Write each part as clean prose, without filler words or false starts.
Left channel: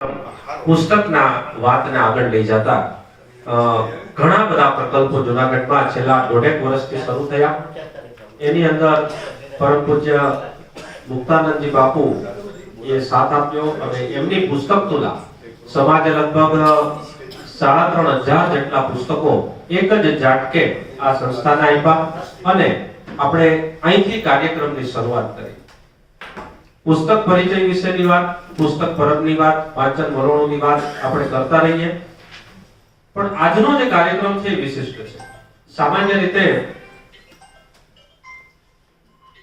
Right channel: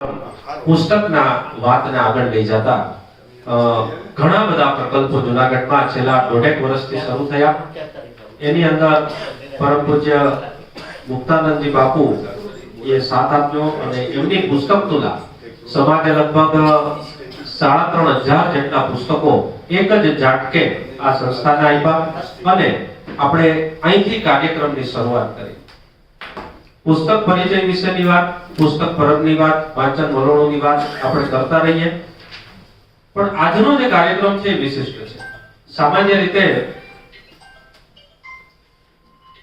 પુસ્તકના વાતને આગળ લઈ જતા ઘણા બધા પ્રકલ્પો જૂનાગઢમાં છેલ્લા 1.5 વર્ષથી શરૂ થયા. એની અંદર પરમ પૂજ્ય મુક્તાનંદજી બાપુ એ સાથ આપ્યો અને એમની પુસ્તક તુલા સમાજે લગભગ 3,500 જેટલા પુસ્તકો એક જ ઝાટકે આ સંસ્થાને આપ્યા અને આપણે અહીંથી કાર્યક્રમની શરૂઆત કરી. પુસ્તક પરિચય વિશેની વાત, પુસ્તક પરબની વાત, વાંચન વલણોની વાત આપણે કરતા રહીએ. પણ આજનો જે કાર્યક્રમ છે એ વિશિષ્ટ છે. સામાન્ય રીતે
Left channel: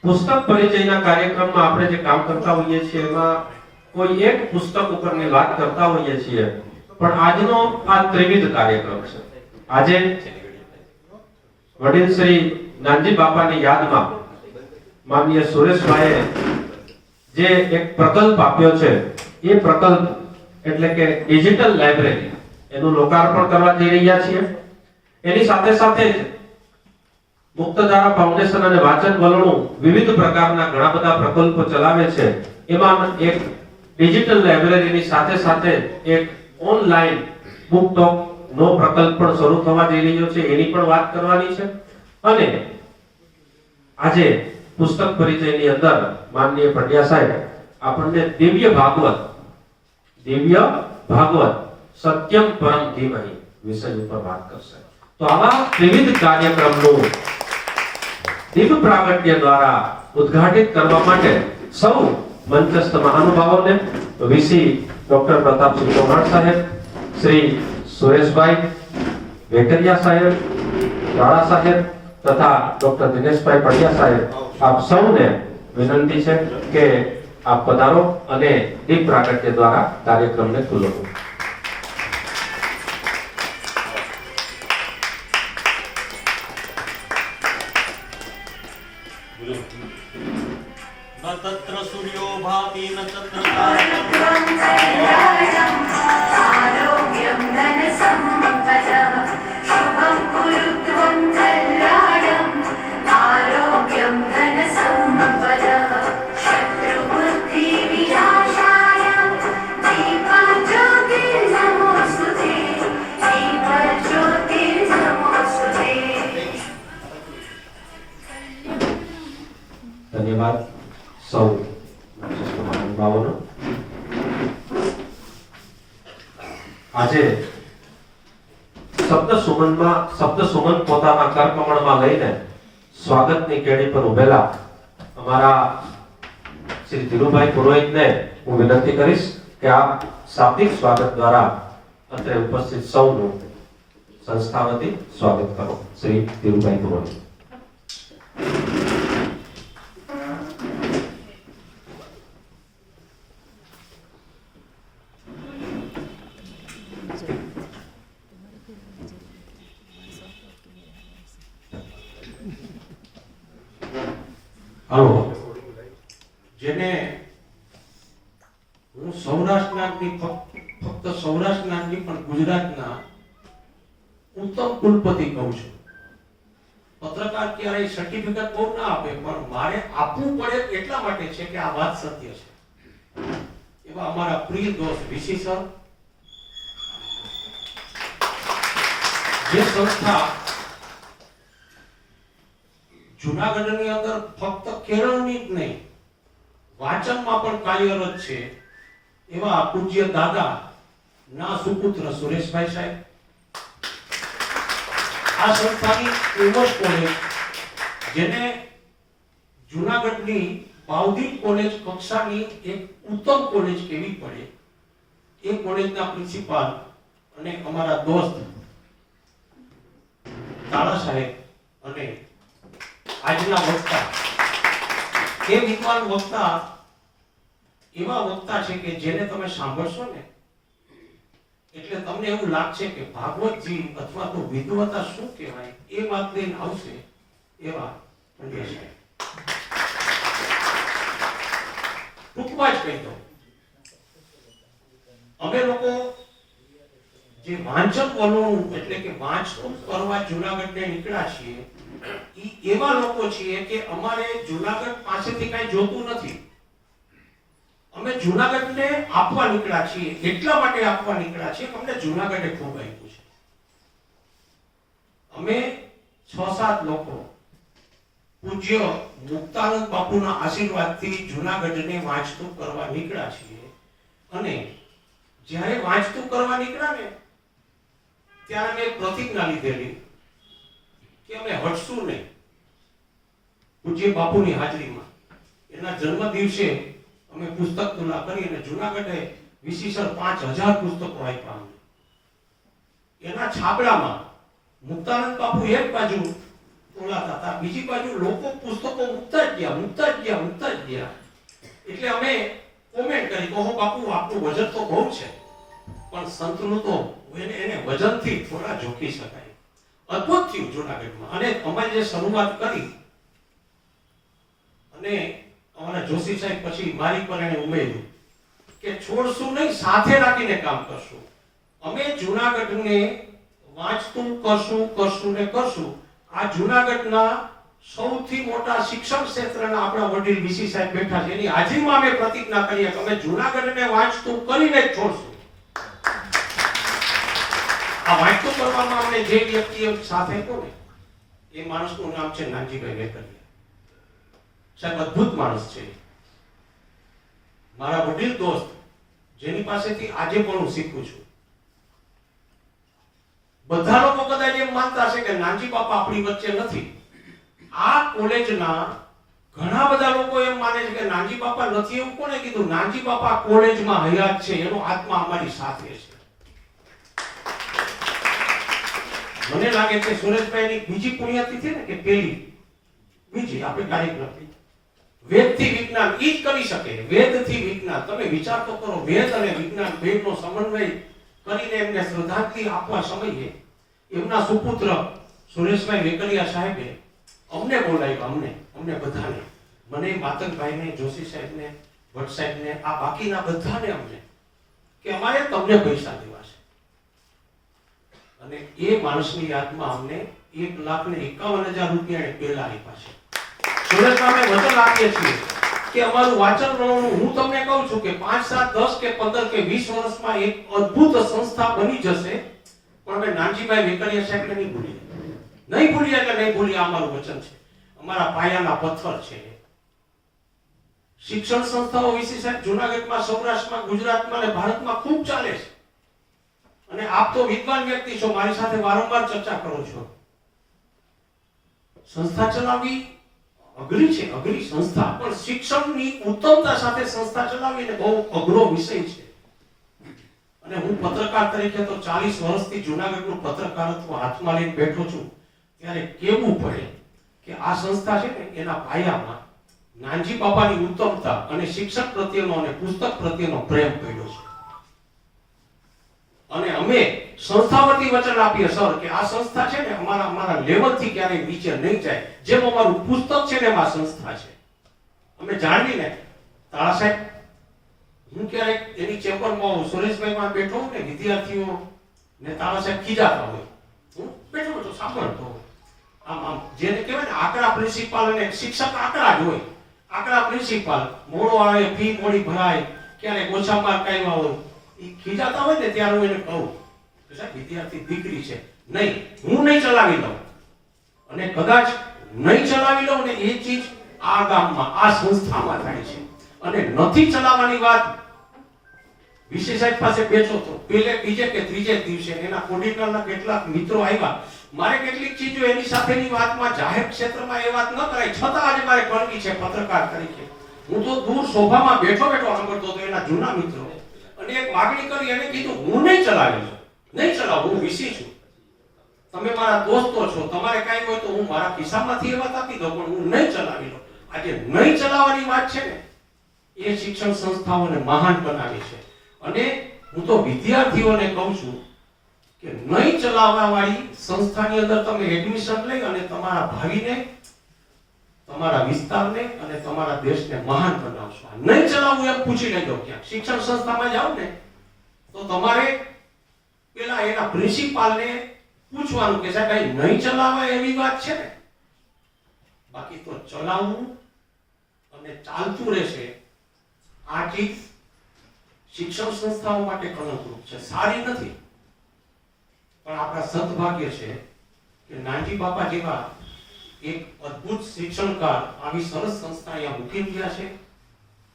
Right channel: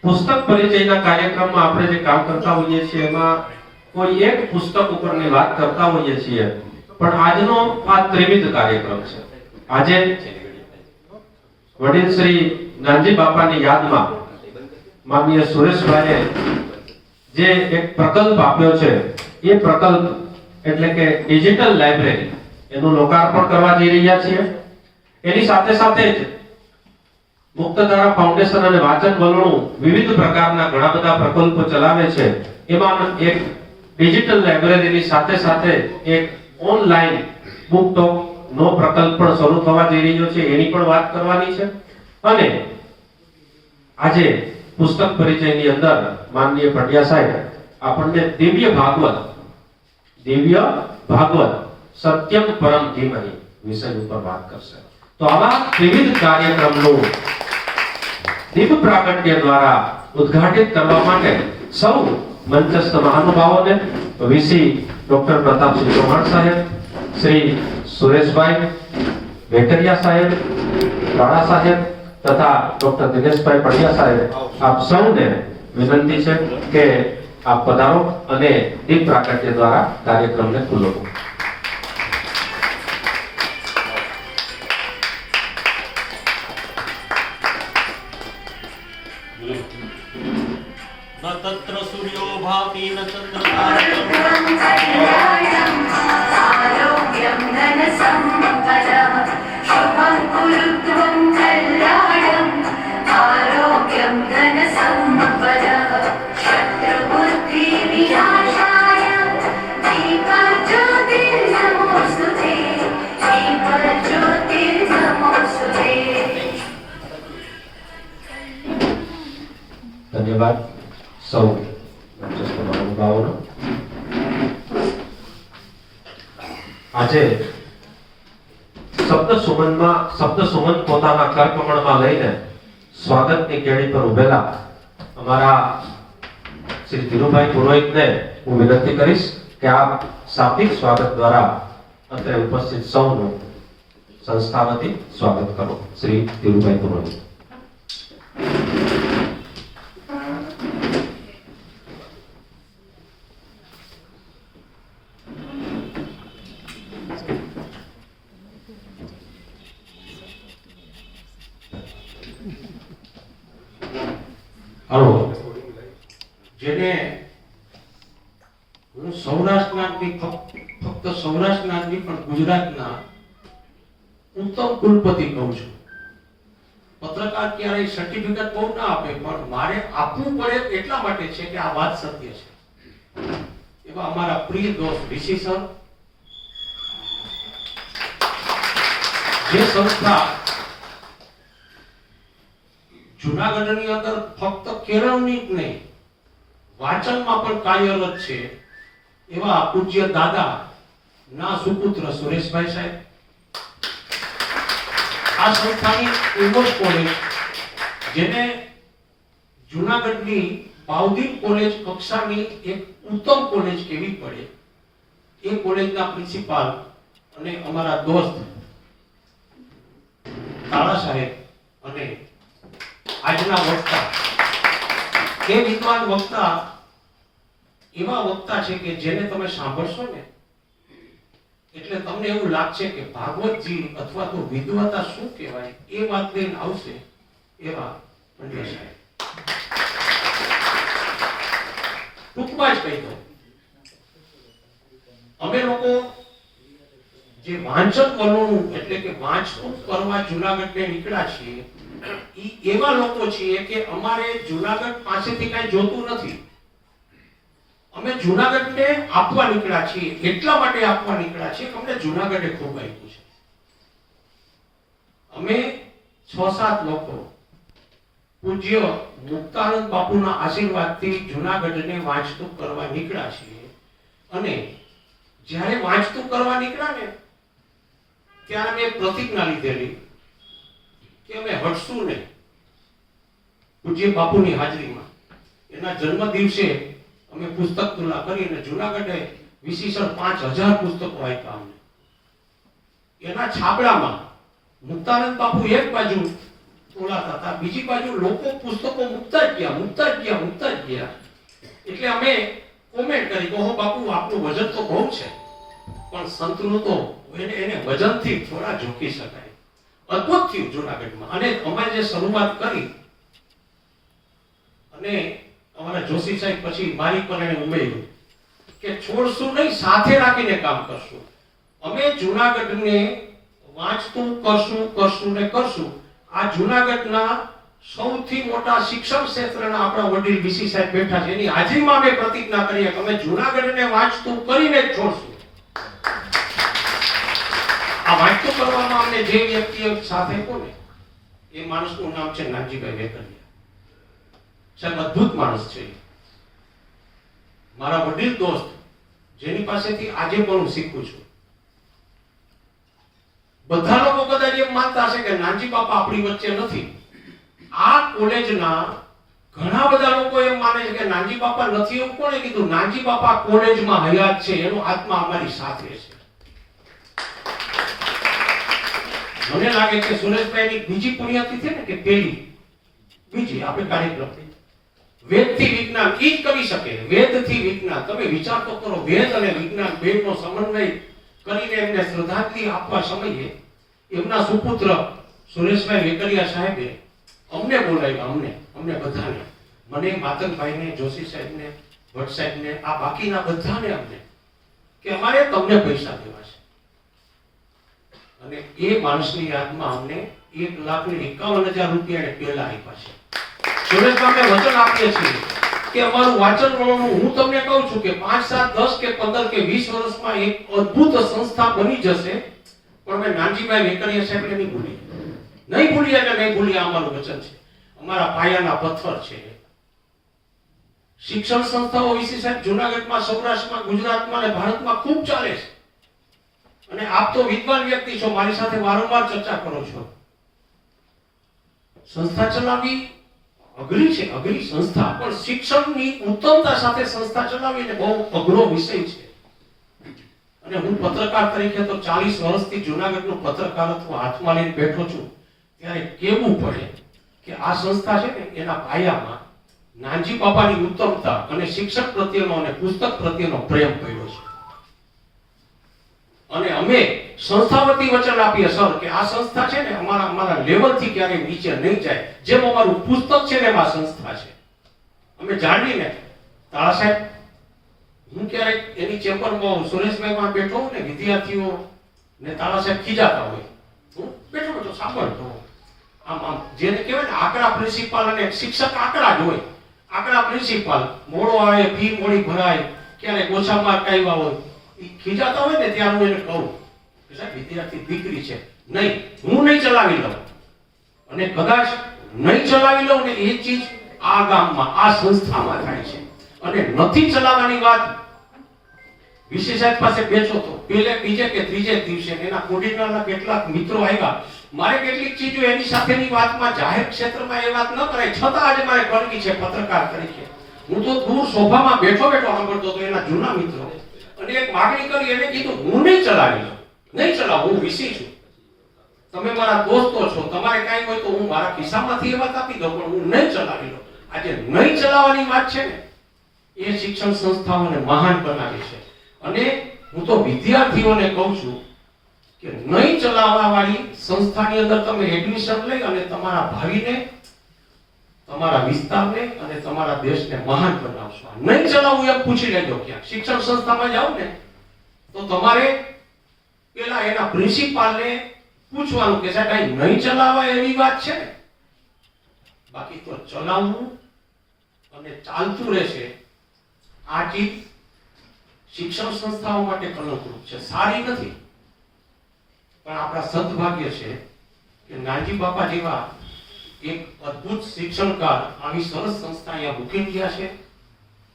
પુસ્તક પરિચયના કાર્યક્રમમાં આપણે જે કામ કરતા હોઈએ છીએ એમાં કોઈ એક પુસ્તક ઉપરની વાત કરતા હોઈએ છીએ, પણ આજનો આ ત્રિવિધ કાર્યક્રમ છે. આજે વડીલ શ્રી નાનજી બાપાની યાદમાં માનનીય સુરેશભાઈએ જે એક પ્રકલ્પ આપ્યો છે, એ પ્રકલ્પ એટલે કે ડિજિટલ લાઇબ્રેરી, એનું લોકાર્પણ કરવા જઈ રહ્યા છીએ. એની સાથે સાથે જ મુક્તધારા ફાઉન્ડેશન અને વાંચન વલણો વિવિધ પ્રકારના ઘણા બધા પ્રકલ્પો ચલાવે છે. એમાં એક ડિજિટલ લાઇબ્રેરીની સાથે સાથે એક ઓનલાઈન બુક ટોક નો પ્રકલ્પ પણ શરૂ થવા જઈ રહ્યો છે, એની પણ વાત કરવાની છે. અને આજે પુસ્તક પરિચયની અંદર માનનીય પટિયા સાહેબ આપણને દિવ્ય ભાગવત સત્યમ પરમ ધીમહિ વિષય ઉપર વાત કરશે. તો આવા વિવિધ કાર્યક્રમનું દિવ્ય પ્રાગટ્ય દ્વારા ઉદ્ઘાટિત કરવા માટે સૌ મંચસ્થ મહાનુભાવોને વીસી ડોક્ટર પ્રતાપસિંહ ચૌહાણ સાહેબ, શ્રી સુરેશભાઈ વેકરિયા સાહેબ, રાણા સાહેબ તથા ડોક્ટર દિનેશભાઈ પડિયા સાહેબ, આપ સૌને વિનંતી છે કે આપ પધારો અને દીપ પ્રાગટ્ય દ્વારા કાર્યક્રમને ખુલ્લો કરો. न तत्र सूर्यो भाति न चन्द्रतारकम् आरोग्यं धनसम्पदः शुभं कुरु त्वं कल्याणम् आरोग्यं धनसम्पदः शत्रुबुद्धिविनाशाय दीपज्योतिर्नमोऽस्तुते दीपज्योतिर्नमोऽस्तुते. ધન્યવાદ સૌ મંચસ્થ મહાનુભાવોનો. આજે શબ્દ સુમન પોતાના કરકમળમાં લઈને સ્વાગતની કેડી પર ઉભેલા અમારા શ્રી ધીરુભાઈ પુરોહિતને હું વિનંતી કરીશ કે આપ શાબ્દિક સ્વાગત દ્વારા અત્રે ઉપસ્થિત સૌનું સંસ્થા વતી સ્વાગત કરો. શ્રી ધીરુભાઈ પુરોહિત. જેને હું સૌરાષ્ટ્રના ફક્ત સૌરાષ્ટ્રના જ નહીં પણ ગુજરાતના ઉત્તમ કુલપતિ કહું છું. પત્રકાર ક્યારેય સર્ટિફિકેટ બહુ ના આપે, પણ મારે આપવું પડે એટલા માટે છે કે આ વાત સત્ય છે. એવા અમારા પ્રિય દોસ્ત ઋષિ સર, જે સંસ્થા જૂનાગઢની અંદર ફક્ત કેળવણી જ નહીં વાચનમાં પણ કાર્યરત છે, એવા પૂજ્ય દાદા ના સુપુત્ર સુરેશભાઈ સાહેબ, આ સંસ્થાની ઉમર કોલેજ, જેને જૂનાગઢની બાઉદીન કોલેજ કક્ષાની એક ઉત્તમ કોલેજ કેવી પડે, એ કોલેજના પ્રિન્સિપાલ અને અમારા દોસ્ત તાળા સાહેબ અને આજના વક્તા, એ વિદ્વાન વક્તા એવા વક્તા છે કે જેને તમે સાંભળશો ને એટલે તમને એવું લાગશે કે ભાગવતજી અથવા તો વિદ્વતા શું કહેવાય એ વાત લઈને આવશે એવા પંડ્યા સાહેબ. ટૂંકમાં જ કહી દો, અમે લોકો જે વાંચન વલણું એટલે કે વાંચન કરવા જૂનાગઢને નીકળ્યા છીએ, એવા લોકો છીએ કે અમારે જૂનાગઢ પાસેથી કઈ જોતું નથી. અમે જુનાગઢને આપવા નીકળ્યા છીએ, એટલા માટે આપવા નીકળ્યા છીએ કે અમને જુનાગઢે ખૂબ આપ્યું છે. અમે 6-7 લોકો પૂજ્ય મુક્તાનંદ બાપુના આશીર્વાદથી જુનાગઢને વાંચતું કરવા નીકળ્યા છીએ. અને જ્યારે વાંચતું કરવા નીકળ્યા ને ત્યારે મેં પ્રતિજ્ઞા લીધેલી કે અમે હટશું નહીં. પૂજ્ય બાપુની હાજરીમાં એના જન્મ દિવસે અમે પુસ્તક તુલા કરીને જુનાગઢે વિશેષણ 5000 પુસ્તકો આપ્યા અમને. એના છાપડામાં મુક્તાનંદ બાપુ એક બાજુ તોલાતા હતા, બીજી બાજુ લોકો પુસ્તકો મૂકતા જ ગયા. એટલે અમે કોમેન્ટ કરી કે ઓહો બાપુ આપનું વજન તો બહુ છે, પણ સંતનું તો એને વજનથી થોડા ઝોકી શકાય. અદ્ભુત થયું જુનાગઢમાં. અને અમે જે શરૂઆત કરી અને અમારા જોશી સાહેબ પછી મારી પર એને ઉમેર્યું કે છોડશું નહીં, સાથે રાખીને કામ કરશું. અમે જુનાગઢને વાંચતું કરશું. આ જુનાગઢના સૌથી મોટા શિક્ષણ ક્ષેત્રના આપણા વડીલ વીસી સાહેબ બેઠા છે, એની હાજરીમાં અમે પ્રતિજ્ઞા કરીએ કે અમે જુનાગઢને વાંચતું કરીને જ છોડશું. આ વાંચતું કરવામાં અમને જે વ્યક્તિએ સાથ આપ્યો ને એ માણસનું નામ છે નાનજીભાઈ વેકરિયા. સાહેબ અદ્ભુત માણસ છે, મારા વડીલ દોસ્ત, જેની પાસેથી આજે પણ હું શીખું છું. બધા લોકો કદાચ એમ માનતા હશે કે નાનજી બાપા આપણી વચ્ચે નથી. આ કોલેજના ઘણા બધા લોકો એમ માને છે કે નાનજી બાપા નથી. એવું કોણે કીધું? નાનજી બાપા કોલેજમાં હયાત છે, એનો આત્મા અમારી સાથે છે. મને લાગે કે સુરેશભાઈની બીજી પુણ્યતિથિ ને કે બીજી આપણે કાર્યક્રમ વેદથી વિજ્ઞાન ઈ જ કરી શકે. વેદથી વિજ્ઞાન, તમે વિચાર તો કરો, વેદ અને વિજ્ઞાન બેનો સમન્વય કરીને એમને શ્રદ્ધાંજલિ આપવા સમયે એમના સુપુત્ર સુરેશભાઈ વેકરિયા સાહેબે અમને બોલાવ્યા, અમને બધાને, મને, માતંગભાઈને, જોશી સાહેબને, ભટ્ટ સાહેબને, આ બાકીના બધાને અમને, કે અમારે તમને પૈસા દેવા છે. અને એ માણસની યાદમાં અમને 1,51,000 રૂપિયા પહેલા આપ્યા છે. સુરેશભાઈ અમે વચન આપીએ છીએ કે અમારું વાંચનનું, હું તમને કહું છું કે 5, 7, 10 કે 15 કે 20 વર્ષમાં એક અદ્ભુત સંસ્થા બની જશે. પણ અમે નાનજીભાઈ વેકરિયા સાહેબને નહીં ભૂલીએ. અમારું વચન છે, અમારા પાયાના પથ્થર છે. શિક્ષણ સંસ્થાઓ વિશે સાહેબ જુનાગઢમાં, સૌરાષ્ટ્રમાં, ગુજરાતમાં અને ભારતમાં ખૂબ ચાલે છે. અને આપ તો વિદ્વાન વ્યક્તિ છો, મારી સાથે વારંવાર ચર્ચા કરો છો. સંસ્થા ચલાવવી અઘરી છે, અઘરી સંસ્થા, પણ શિક્ષણની ઉત્તમતા સાથે સંસ્થા ચલાવવી એ બહુ અઘરો વિષય છે. અને હું પત્રકાર તરીકે તો 40 વર્ષથી જુનાગઢનું પત્રકારત્વ હાથમાં લઈને બેઠો છું. ત્યારે કેવું પડે કે આ સંસ્થા છે ને એના પાયામાં નાનજી બાપાની ઉત્તમતા અને શિક્ષક પ્રત્યેનો અને પુસ્તક પ્રત્યેનો પ્રેમ પડ્યો છે. અને અમે સંસ્થા વતી વચન આપીએ સર કે આ સંસ્થા છે ને અમારા લેવલથી ક્યારેય નીચે નહીં જાય. જેમ અમારું પુસ્તક છે ને એમાં સંસ્થા છે. અમે જાણવીને તાળા સાહેબ, હું ક્યારેક એની ચેમ્બરમાં સુરેશભાઈમાં બેઠો હોઉં ને, વિદ્યાર્થીઓ ને તાળા સાહેબ ખીજાતા હોય, હું બેઠો સાંભળતો. આમ જેને કહેવાય ને આકરા પ્રિન્સિપાલ, અને શિક્ષક આકરા જ હોય. આકરા પ્રિન્સિપાલ, મોડો આવે, ફી મોડી ભરાય, ક્યારેક ઓછા માર્ક આવ્યા હોય, ખીજાતા હોય ને ત્યારે હું એને કહું કે સાહેબ વિદ્યાર્થી દીકરી છે, નહીં, હું નહીં ચલાવી લઉં. અને કદાચ નહીં ચલાવી લઉં ને એ ચીજ આ ગામમાં, આ સંસ્થામાં થાય છે. અને નથી ચલાવવાની વાત વિશેષ સાહેબ પાસે બેઠો તો પહેલે, બીજે કે ત્રીજે દિવસે એના કોર્ડિનેટરના કેટલાક મિત્રો આવ્યા. મારે કેટલીક ચીજો એની સાથેની વાતમાં જાહેર ક્ષેત્રમાં એ વાત ન કરાય, છતાં આજે મારે કણકી છે પત્રકાર તરીકે. હું તો દૂર સોફામાં બેઠો સાંભળતો હતો એના જૂના મિત્રો. અને એક માગણી કરી, એને કીધું હું નહીં ચલાવી લઉં, નહીં ચલાવું, હું વિસી છું. તમે મારા દોસ્તો છો, તમારે કાંઈ હોય તો હું મારા ખિસ્સામાંથી એ વાત આપી દઉં, પણ હું નહીં ચલાવી લઉં. આજે નહીં ચલાવવાની વાત છે ને એ શિક્ષણ સંસ્થાઓને મહાન બનાવે છે. અને હું તો વિદ્યાર્થીઓને કહું છું કે નહીં ચલાવવા વાળી સંસ્થાની અંદર તમે એડમિશન લઈ અને તમારા ભાવિને, તમારા વિસ્તારને અને તમારા દેશને મહાન બનાવશો. નહીં ચલાવવું એમ પૂછી લેજો. ક્યાંક શિક્ષણ સંસ્થામાં જાવ ને તો તમારે પેલા એના પ્રિન્સિપાલને પૂછવાનું કે સાહેબ કઈ નહીં ચલાવવા એવી વાત છે ને. બાકી તો ચલાવવું અને ચાલતું રહેશે. આ ચીજ શિક્ષણ સંસ્થાઓ માટે કલંકરૂપ છે, સારી નથી. પણ આપણા સદભાગ્ય છે કે નાનજી બાપા જેવા એક અદ્ભુત શિક્ષણકાર આવી સરસ સંસ્થા અહીંયા મૂકી રહ્યા છે.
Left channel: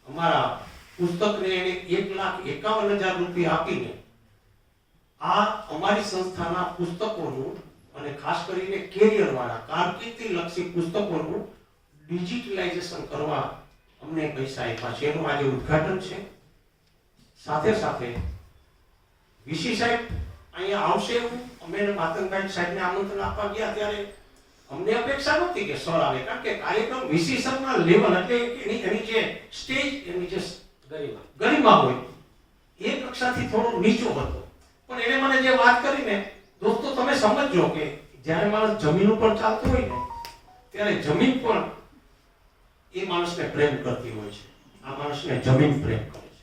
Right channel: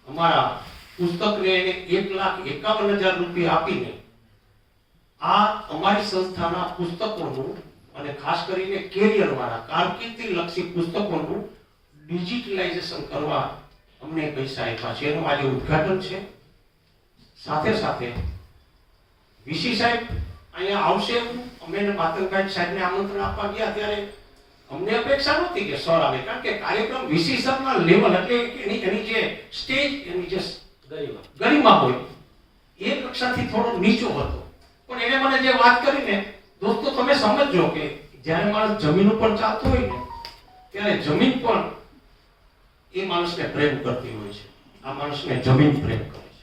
અમારા પુસ્તકને એને 1,51,000 રૂપિયા આપીને આ અમારી સંસ્થાના પુસ્તકોનું અને ખાસ કરીને કેરિયર વાળા કારકિર્દી લક્ષી પુસ્તકોનું ડિજિટલાઇઝેશન કરવા અમને પૈસા આપ્યા છે. એનું આજે ઉદ્ઘાટન છે. સાથે સાથે વીસી સાહેબ અહીંયા આવશે એવું અમે માતંગભાઈ સાહેબને આમંત્રણ આપવા ગયા ત્યારે અમને અપેક્ષા નહોતી કે સર આવે, કારણ કે કાર્યક્રમ વીસી સરના લેવલ એટલે એની જે સ્ટેજ એની જે ગરિમા હોય એ કક્ષાથી થોડો નીચો હતો. પણ એને મને જે વાત કરીને, દોસ્તો તમે સમજજો કે જ્યારે માણસ જમીન ઉપર ચાલતો હોય ને ત્યારે જમીન પણ એ માણસને પ્રેમ કરતી હોય છે. આ માણસને જમીન પ્રેમ કરે છે.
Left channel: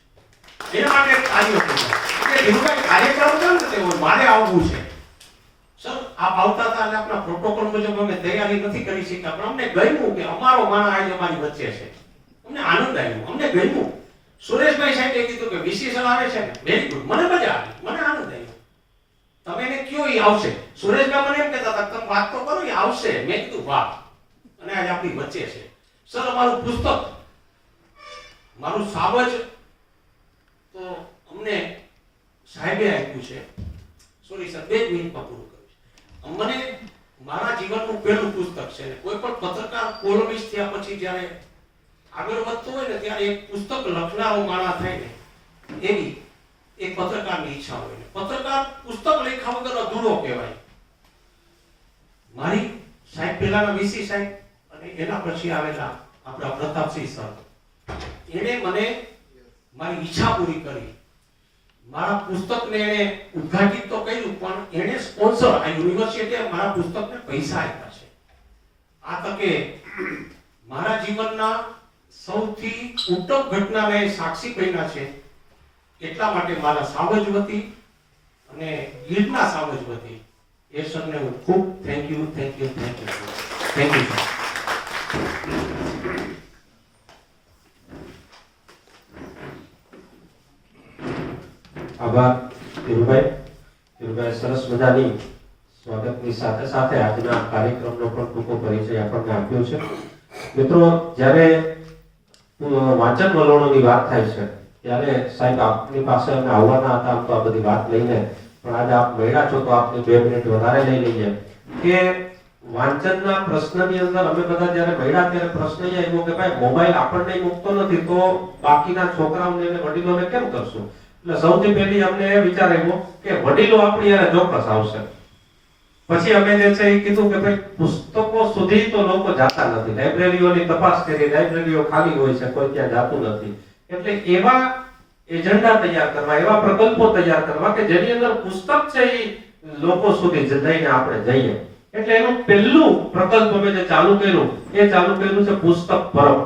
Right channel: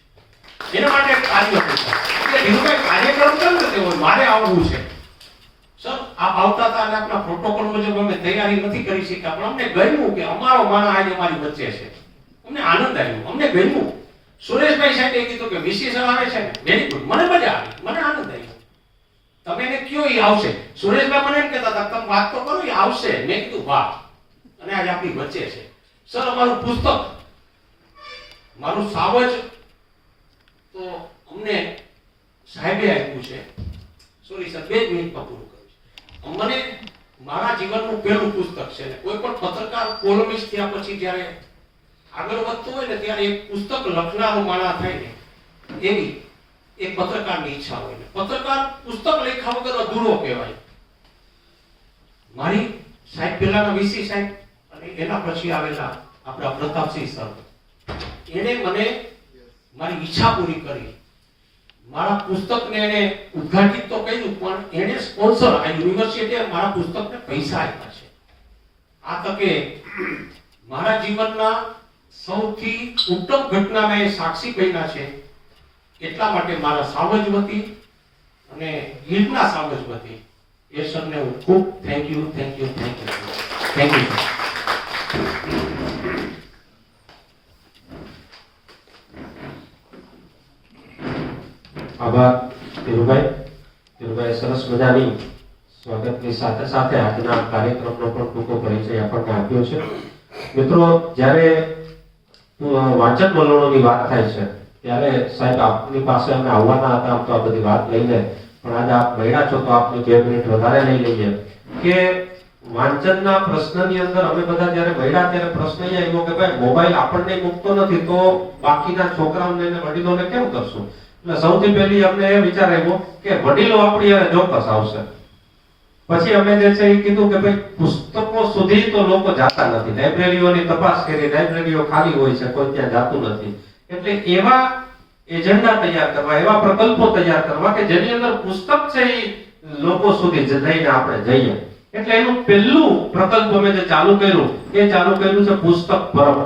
એના માટે કાર્ય કરતા એટલે ધીરુભાઈ કાર્યક્રમ કેમ કરતે હોય મારે આવવું છે સર, આપ આવતા હતા અને આપણા પ્રોટોકોલ મુજબ અમે તૈયારી નથી કરી શક્યા, પણ અમને ગમ્યું કે અમારો માણસ આજે અમારી વચ્ચે છે. અમને આનંદ આવ્યો, અમને ગમ્યું. સુરેશભાઈ સાહેબે કીધું કે વીસી સર આવે છે ને, વેરી ગુડ, મને મજા આવી, મને આનંદ આવ્યો. તમે એને કયો એ આવશે. સુરેશભાઈ મને એમ કહેતા હતા તમે વાત તો કરો, એ આવશે. મેં કીધું વાહ, અને આજે આપણી વચ્ચે છે. સર અમારું પુસ્તક, મારું સાવજ તો અમને સાહેબે આપ્યું છે. સોરી સર, 2 મિનિટમાં પૂરું કરું છું. મને મારા જીવનનું પહેલું પુસ્તક છે ને કોઈ પણ પત્રકાર કોલમિસ્ટ થયા પછી જ્યારે આગળ વધતો હોય ને ત્યારે એક પુસ્તક લખનારો માણસ થાય ને એવી એક પત્રકારની ઈચ્છા હોય ને પત્રકાર પુસ્તક લખ્યા વગર અધૂરો કહેવાય. મારી સાહેબ પહેલાના વીસી સાહેબ અને એના પછી આવેલા આપણા પ્રતાપસિંહ સર, એને મને મારી ઈચ્છા પૂરી કરી. મારા પુસ્તકને એને ઉદ્ઘાટિત તો કર્યું, પણ એને સ્પોન્સર, આ યુનિવર્સિટીએ મારા પુસ્તકને પૈસા આપ્યા છે. આ તકે મારા જીવનના સૌથી ઉત્તમ ઘટનાના એ સાક્ષી બન્યા છે. એટલા માટે મારા સાવજ વતી અને ગીરના સાવજ વતી એ સરને હું ખૂબ થેન્ક યુ. આભાર ધીરુભાઈ સરસ મજાની સ્વાગતની સાથે સાથે આજના કાર્યક્રમનો પણ ટૂંકો પરિચય આપણને આપ્યો છે. મિત્રો, જ્યારે વાંચન વલણોની વાત થાય છે ત્યારે સાહેબ આપની પાસે અમે આવવાના હતા તો આ બધી વાત લઈને, પણ આજે આપ મળ્યા છો તો આપને 2 મિનિટ વધારે લઈ લઈએ કે વાંચનના પ્રશ્નની અંદર અમે બધા જ્યારે મળ્યા ત્યારે પ્રશ્ન એ આવ્યો કે ભાઈ મોબાઈલ આપણને મૂકતો નથી તો બાકીના છોકરાઓને અને વડીલોને કેમ કરશું. એટલે સૌથી પહેલી અમને એ વિચાર આવ્યો કે વડીલો આપણી યારે ચોક્કસ આવશે. પછી અમે જે છે એ કીધું કે ભાઈ પુસ્તકો સુધી તો લોકો જાતા નથી, લાઇબ્રેરીઓની તપાસ કરી, લાઇબ્રેરીઓ ખાલી હોય છે, કોઈ ત્યાં જાતું નથી. એટલે એવા એજન્ડા તૈયાર કરવા, એવા પ્રકલ્પો તૈયાર કરવા કે જેની અંદર પુસ્તક છે એ લોકો સુધી જઈને આપણે જઈએ. એટલે એનું પહેલું પ્રકલ્પ અમે જે ચાલુ કર્યું એ ચાલુ કર્યું છે પુસ્તક પરબ.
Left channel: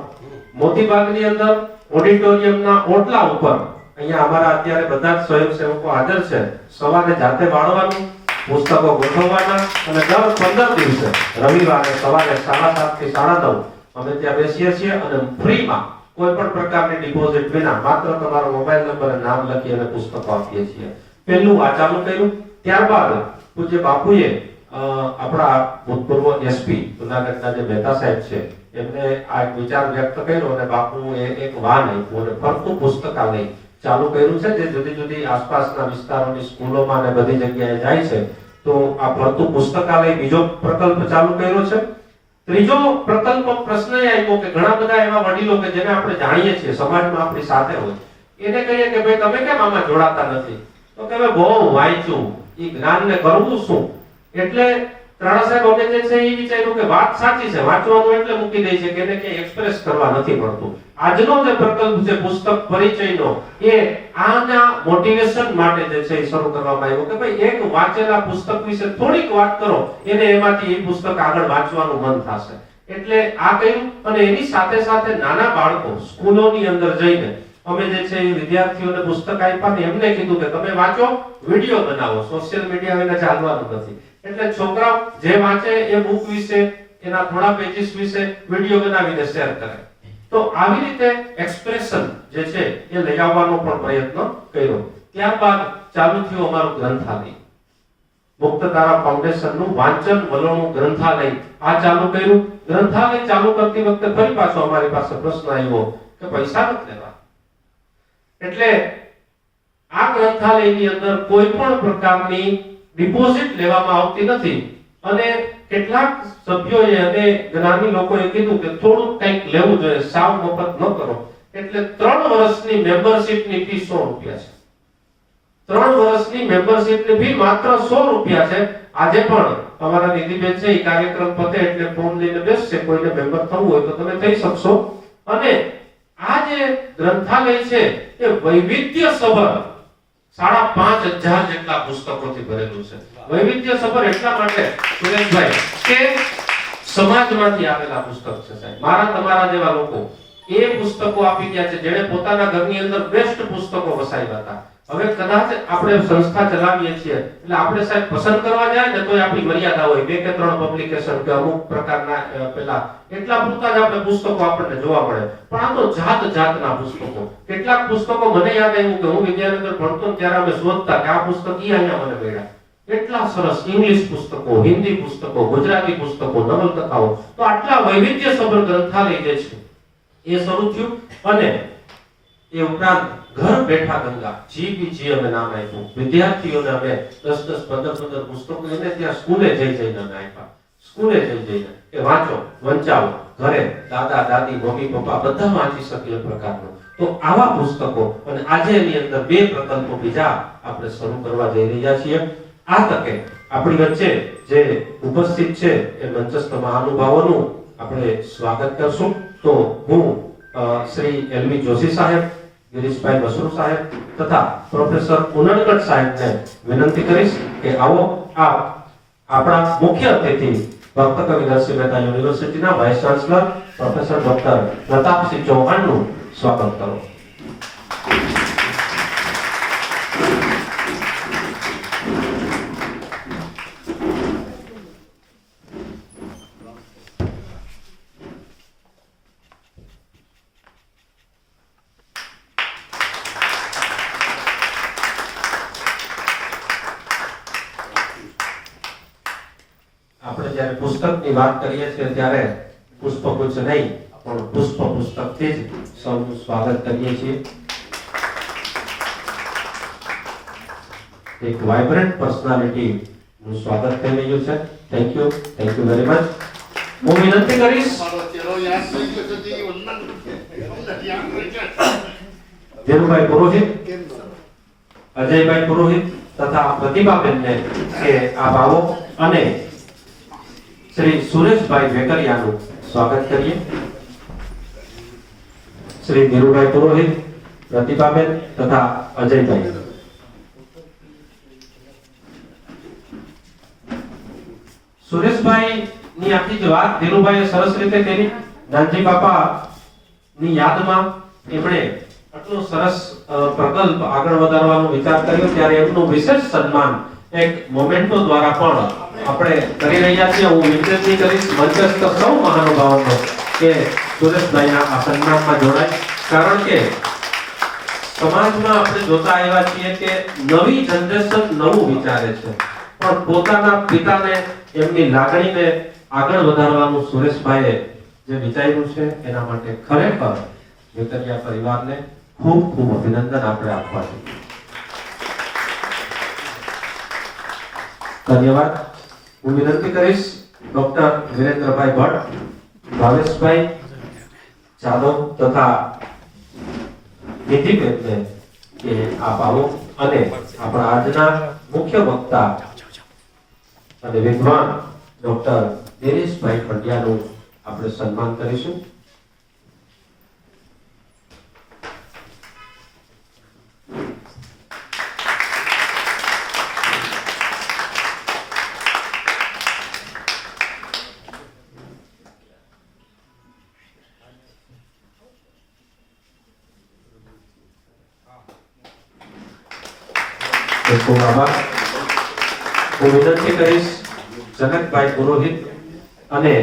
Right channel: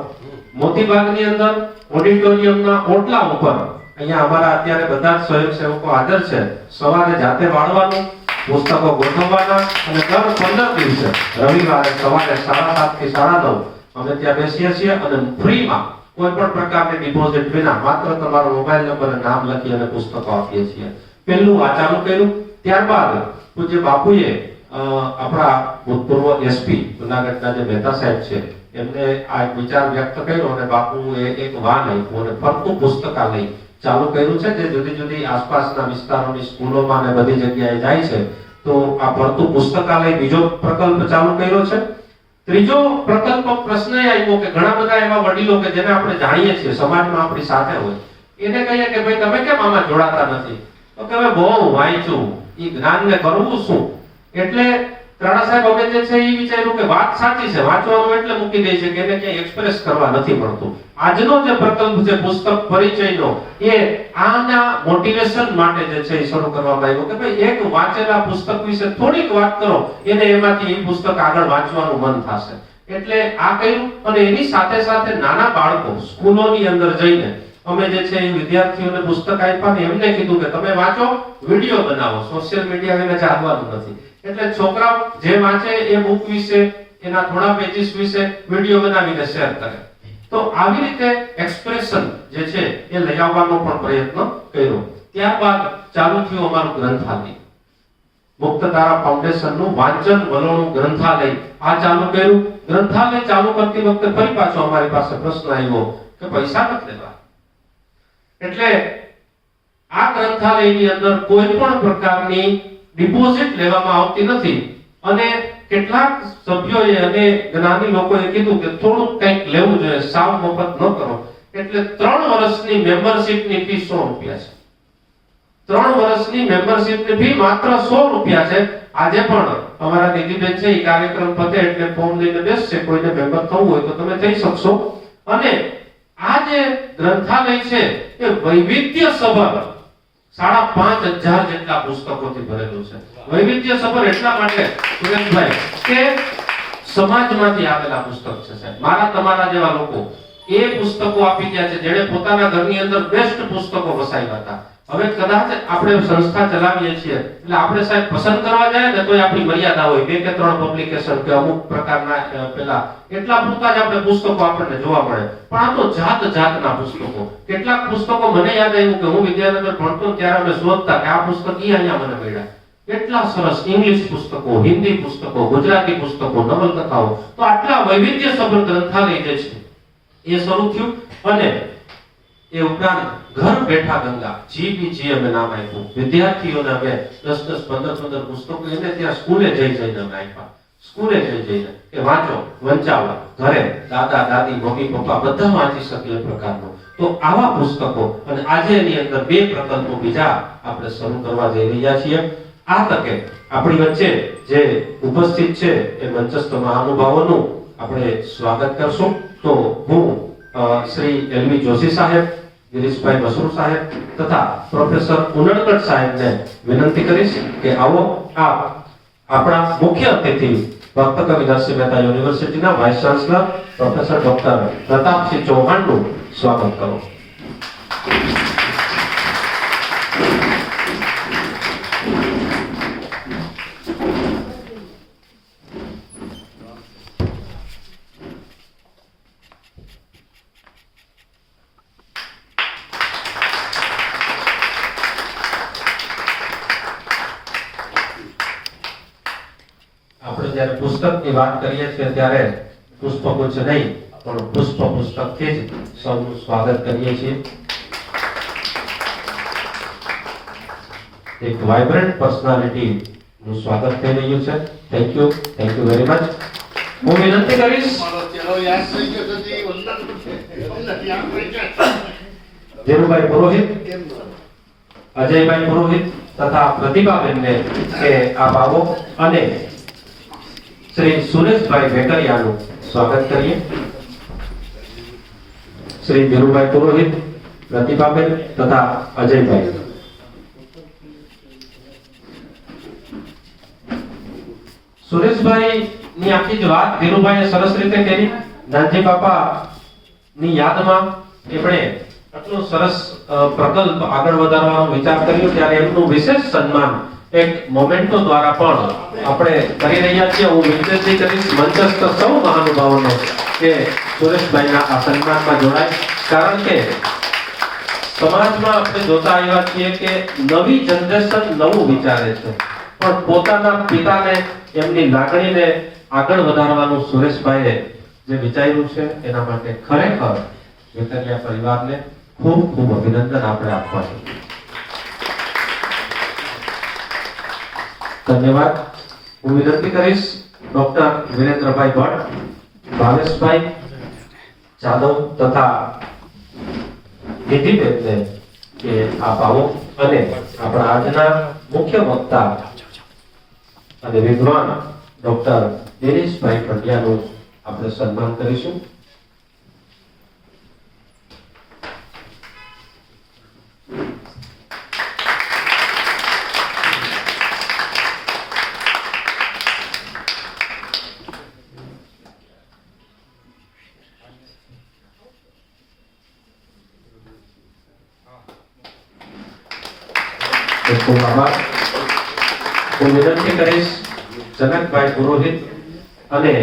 મોતીબાગની અંદર ઓડિટોરિયમના ઓટલા ઉપર અહીંયા અમારા અત્યારે બધા જ સ્વયંસેવકો હાજર છે. સવારે જાતે વાળવાનું, પુસ્તકો ગોઠવવાના અને દર 15 દિવસે રવિવારે સવારે 7:30 થી 9:30 અમે ત્યાં બેસીએ છીએ અને ફ્રીમાં કોઈ પણ પ્રકારની ડિપોઝિટ વિના માત્ર તમારો મોબાઈલ નંબર અને નામ લખી અને પુસ્તકો આપીએ છીએ. પહેલું આ ચાલુ કર્યું. ત્યારબાદ પૂજ્ય બાપુએ આપણા ભૂતપૂર્વ એસપી જૂનાગઢના જે મહેતા સાહેબ છે એમને આ વિચાર વ્યક્ત કર્યો અને બાપુએ એક વાન આપ્યું અને ફરતું પુસ્તકાલય ચાલુ કર્યું છે જે જુદી જુદી આસપાસના વિસ્તારોની સ્કૂલોમાં અને બધી જગ્યાએ જાય છે. તો આ ફરતું પુસ્તકાલય બીજો પ્રકલ્પ ચાલુ કર્યો છે. ત્રીજો પ્રકલ્પ પ્રશ્ન એ આવ્યો કે ઘણા બધા એવા વડીલો કે જેને આપણે જાણીએ છીએ, સમાજમાં આપણી સાથે હોય, એને કહીએ કે ભાઈ તમે કેમ આમાં જોડાતા નથી? તો કે હવે બહુ વાંચ્યું, એ જ્ઞાનને કરવું શું? એટલે ત્રણા સાહેબ અમે જે છે એ વિચાર્યું કે વાત સાચી છે, વાંચવાનું એટલે મૂકી દે છે કે એને ક્યાંય એક્સપ્રેસ કરવા નથી મળતું. આજનો જે પ્રકલ્પ છે પુસ્તક પરિચયનો, એ આના મોટિવેશન માટે જે છે એ શરૂ કરવામાં આવ્યો કે ભાઈ એક વાંચેલા પુસ્તક વિશે થોડીક વાત કરો, એને એમાંથી એ પુસ્તક આગળ વાંચવાનું મન થશે. એટલે આ કર્યું. અને એની સાથે સાથે નાના બાળકો સ્કૂલોની અંદર જઈને અમે જે છે એ વિદ્યાર્થીઓને પુસ્તક આપ્યા ને એમને કીધું કે તમે વાંચો, વિડિયો બનાવો, સોશિયલ મીડિયા વિના ચાલવાનું નથી. એટલે છોકરાઓ જે વાંચે એ બુક વિશે, એના થોડા પેજીસ વિશે વિડિયો બનાવીને શેર કરે. તો આવી રીતે એક્સપ્રેશન જે છે એ લઈ આવવાનો પણ પ્રયત્ન કર્યો. ત્યારબાદ ચાલુ થયું અમારું ગ્રંથાલય. મુક્તધારા ફાઉન્ડેશનનું વાંચન વલોણું ગ્રંથાલય આ ચાલુ કર્યું. ગ્રંથાલય ચાલુ કરતી વખતે ફરી પાછો અમારી પાસે પ્રશ્ન આવ્યો કે પૈસા નથી લેવા. એટલે આ ગ્રંથાલયની અંદર કોઈ પણ પ્રકારની ડિપોઝિટ લેવામાં આવતી નથી અને કેટલાક સભ્યોએ અને જ્ઞાની લોકોએ કીધું કે થોડું કંઈક લેવું જોઈએ, સાવ મફત ન કરો. એટલે 3 વર્ષની મેમ્બરશિપની ફી 100 રૂપિયા છે. 3 વર્ષની મેમ્બરશિપની ફી માત્ર 100 રૂપિયા છે. આજે પણ અમારા નિધિબેન છે એ કાર્યક્રમ પતે એટલે ફોર્મ લઈને બેસશે. કોઈને મેમ્બર થવું હોય તો તમે થઈ શકશો. અને આ જે ગ્રંથાલય છે એ વૈવિધ્યસભર 5,500 જેટલા પુસ્તકોથી ભરેલું છે. વૈવિધ્યસભર એટલા માટે સુરેશભાઈ કે સમાજમાંથી આવેલા પુસ્તક છે સાહેબ. મારા તમારા જેવા લોકો એ પુસ્તકો આપી ગયા છે જેણે પોતાના ઘરની અંદર બેસ્ટ પુસ્તકો વસાવ્યા હતા. હવે કદાચ આપણે સંસ્થા ચલાવીએ છીએ એટલે આપણે સાહેબ પસંદ કરવા જાય ને તોય આપણી મર્યાદા હોય. 2 કે 3 પબ્લિકેશન કે અમુક પ્રકારના પેલા એટલા પૂરતા જ આપણે પુસ્તકો આપણને જોવા મળે. પણ આ તો જાત જાતના પુસ્તકો. કેટલાક પુસ્તકો મને યાદ આવ્યું કે હું વિદ્યાનગર ભણતો ત્યારે અમે શોધતા કે આ પુસ્તક અહીંયા મને મળ્યા. એટલા સરસ ઇંગ્લિશ પુસ્તકો, હિન્દી પુસ્તકો, ગુજરાતી પુસ્તકો, નવલકથાઓ. તો આટલા વૈવિધ્યસભર ગ્રંથાલય જે છે એ શરૂ થયું. અને એ ઉપરાંત ઘર બેઠા ગંગા જીબીજી અમે નામ આપ્યું. વિદ્યાર્થીઓને અમે 10-10, 15-15 પુસ્તકો એને ત્યાં સ્કૂલે જઈને અમે આપ્યા. સ્કૂલે જઈને કે વાંચો, વંચાવો, ઘરે દાદા દાદી મમ્મી પપ્પા બધા વાંચી શકે એ પ્રકારનો. તો આવા પુસ્તકો અને આજે એની અંદર 2 પ્રકલ્પો બીજા આપણે શરૂ કરવા જઈ રહ્યા છીએ. આ તકે આપણી વચ્ચે જે ઉપસ્થિત છે એ મંચસ્થ મહાનુભાવોનું આપણે સ્વાગત કરશું. તો હું શ્રી એલવી જોશી સાહેબ, ગિરીશભાઈ બસરુ સાહેબ તથા પ્રોફેસર ઉનડકટ સાહેબને વિનંતી કરીશ કે આવો આપ આપણા મુખ્ય અતિથિ ડોક્ટર કવિ નરસિંહ મહેતા યુનિવર્સિટીના vice chancellor professor doctor Pratapsinh ચૌહાણનું સ્વાગત કરો. આપણે જ્યારે પુસ્તકની વાત કરીએ છીએ ત્યારે પુષ્પગુચ્છ નહીં પણ પુસ્તકથી જ સૌનું સ્વાગત કરીએ છીએ. એક વાઇબ્રન્ટ પર્સનાલિટી નું સ્વાગત થઈ રહ્યું છે. Thank you very much. હું વિનંતી કરીશ ધીરુભાઈ પુરોહિત, અજયભાઈ પુરોહિત તથા પ્રતિભાબેનને કે આપ આવો અને શ્રી સુરેશભાઈ વેકરિયાનું સ્વાગત કરીએ. શ્રી ધીરુભાઈ પુરોહિત, પ્રતિભાબેન તથા અજયભાઈ. સુરેશભાઈ ની આખી જ વાત ધીરુભાઈએ સરસ રીતે કરી. નાનજી બાપા ની યાદમાં એમણે આટલો સરસ પ્રકલ્પ આગળ વધારવાનો વિચાર કર્યો ત્યારે એમનું વિશેષ સન્માન એક મોમેન્ટો દ્વારા પણ આપણે કરી રહ્યા છીએ. હું વિનંતી કરીશ મંચસ્થ સૌ મહાનુભાવોને કે સુરેશભાઈના આ સન્માનમાં જોડાય. કારણ કે સમાજમાં આપણે જોતા આવ્યા છીએ કે નવી જનરેશન નવું વિચારે છે પણ પોતાના પિતાને એમની લાગણીને આગળ વધારવાનું સુરેશભાઈએ જે વિચાર્યું છે એના માટે ખરેખર વેકરિયા પરિવારને ખૂબ ખૂબ અભિનંદન આપણે આપવા છે. ધન્યવાદ. હું વિનંતી કરીશ ડોક્ટર વિરેન્દ્રભાઈ ભટ્ટ, ભાવેશભાઈ જાદવ તથા નિધિબેનને કે આપ આવો અને આપણા આજના મુખ્ય વક્તા અને વિદ્વાન ડોક્ટર દિનેશભાઈ પંડ્યાનું આપણે સન્માન કરીશું. ખૂબ આભાર. હું વિનંતી કરીશ જનકભાઈ પુરોહિત અને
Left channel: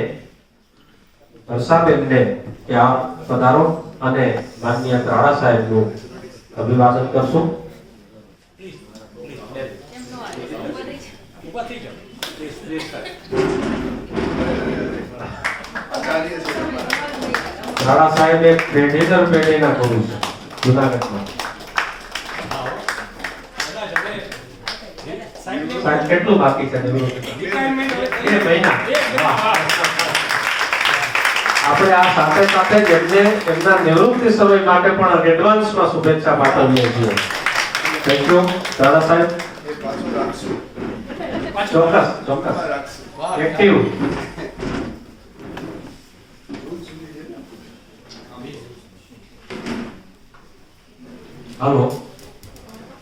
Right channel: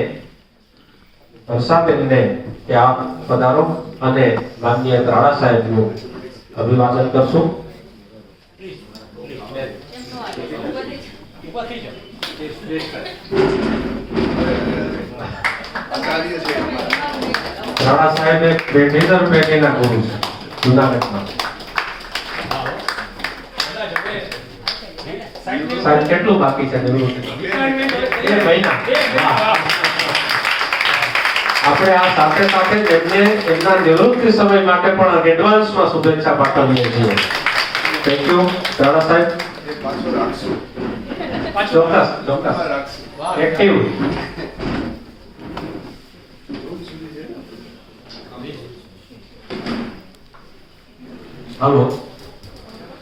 વર્ષાબેનને ત્યાં પધારો અને માનનીય ત્રાડા સાહેબનું અભિવાદન કરશું. ત્રાડા સાહેબ એક પેઢીદર પેઢીના ગુરુ છે જુનાગઢમાં. સાહેબ કેટલું બાકી છે નિવૃત્તિ? મહિના. આપણે આ સાથે સાથે જ એમને એમના નિવૃત્તિ સમય માટે પણ એડવાન્સમાં શુભેચ્છા પાઠવીએ છીએ. થેન્ક યુ ત્રાડા સાહેબ. ચોક્કસ એક્ટિવ. હાલો,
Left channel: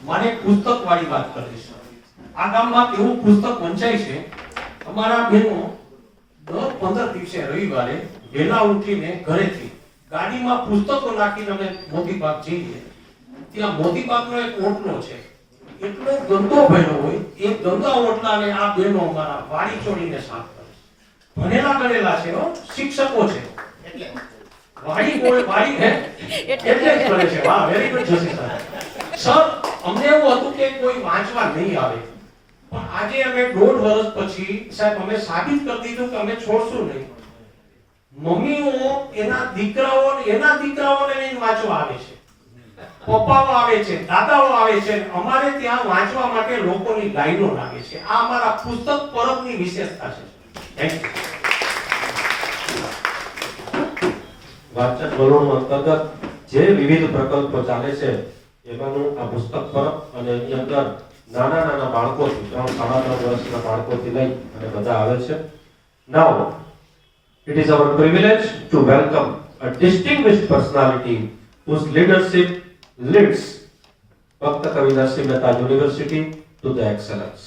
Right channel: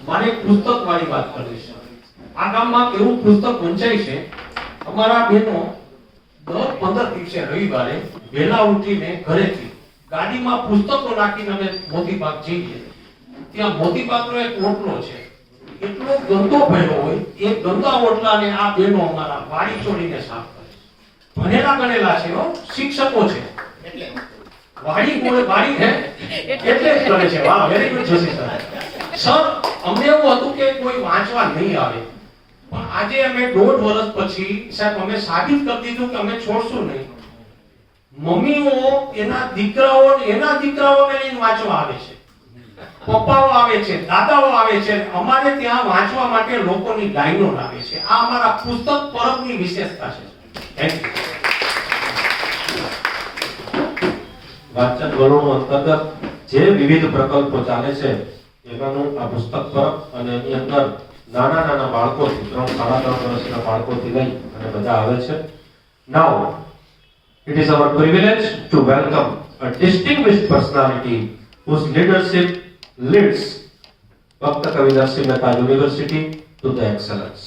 મારે પુસ્તક વાળી વાત કરવી છે. આ ગામમાં એવું પુસ્તક વંચાય છે. અમારા બહેનો દર 15 દિવસે રવિવારે વહેલા ઉઠીને ઘરેથી ગાડીમાં પુસ્તકો નાખીને અમે મોતીબાગ જઈએ. ત્યાં મોતીબાગનો એક ઓટલો છે, એટલો ગંદો ભર્યો હોય. એ ગંદા ઓટલાને આ બહેનો અમારા વાડી છોડીને સાફ કરે છે. ભણેલા ગણેલા છે, શિક્ષકો છે, એટલે વાડી હે એટલે જ કરે છે. વાહ, વેરી ગુડ જોશી સર. અમને એવું હતું કે કોઈ વાંચવા નહીં આવે, પણ આજે અમે 1.5 વર્ષ પછી સાહેબ અમે સાબિત કરી દીધું કે અમે છોડશું નહીં. મમ્મીઓ એના દીકરાઓને લઈને વાંચવા આવે છે, પપ્પાઓ આવે છે, દાદાઓ આવે છે. અમારે ત્યાં વાંચવા માટે લોકોની લાઈનો લાગે છે. આ અમારા પુસ્તક પરબની વિશેષતા છે. Thank you. વાંચન વલણો અંતર્ગત જે વિવિધ પ્રકલ્પો ચાલે છે એમાંનું આ પુસ્તક પરબ, અને એની અંદર નાના નાના બાળકોથી 3-3.5 વર્ષના બાળકોથી લઈ અને બધા આવે છે. Now it is our privilege to welcome a distinguished personality whose leadership leads Bhakta Kavidarshi Mehta University to the excellence.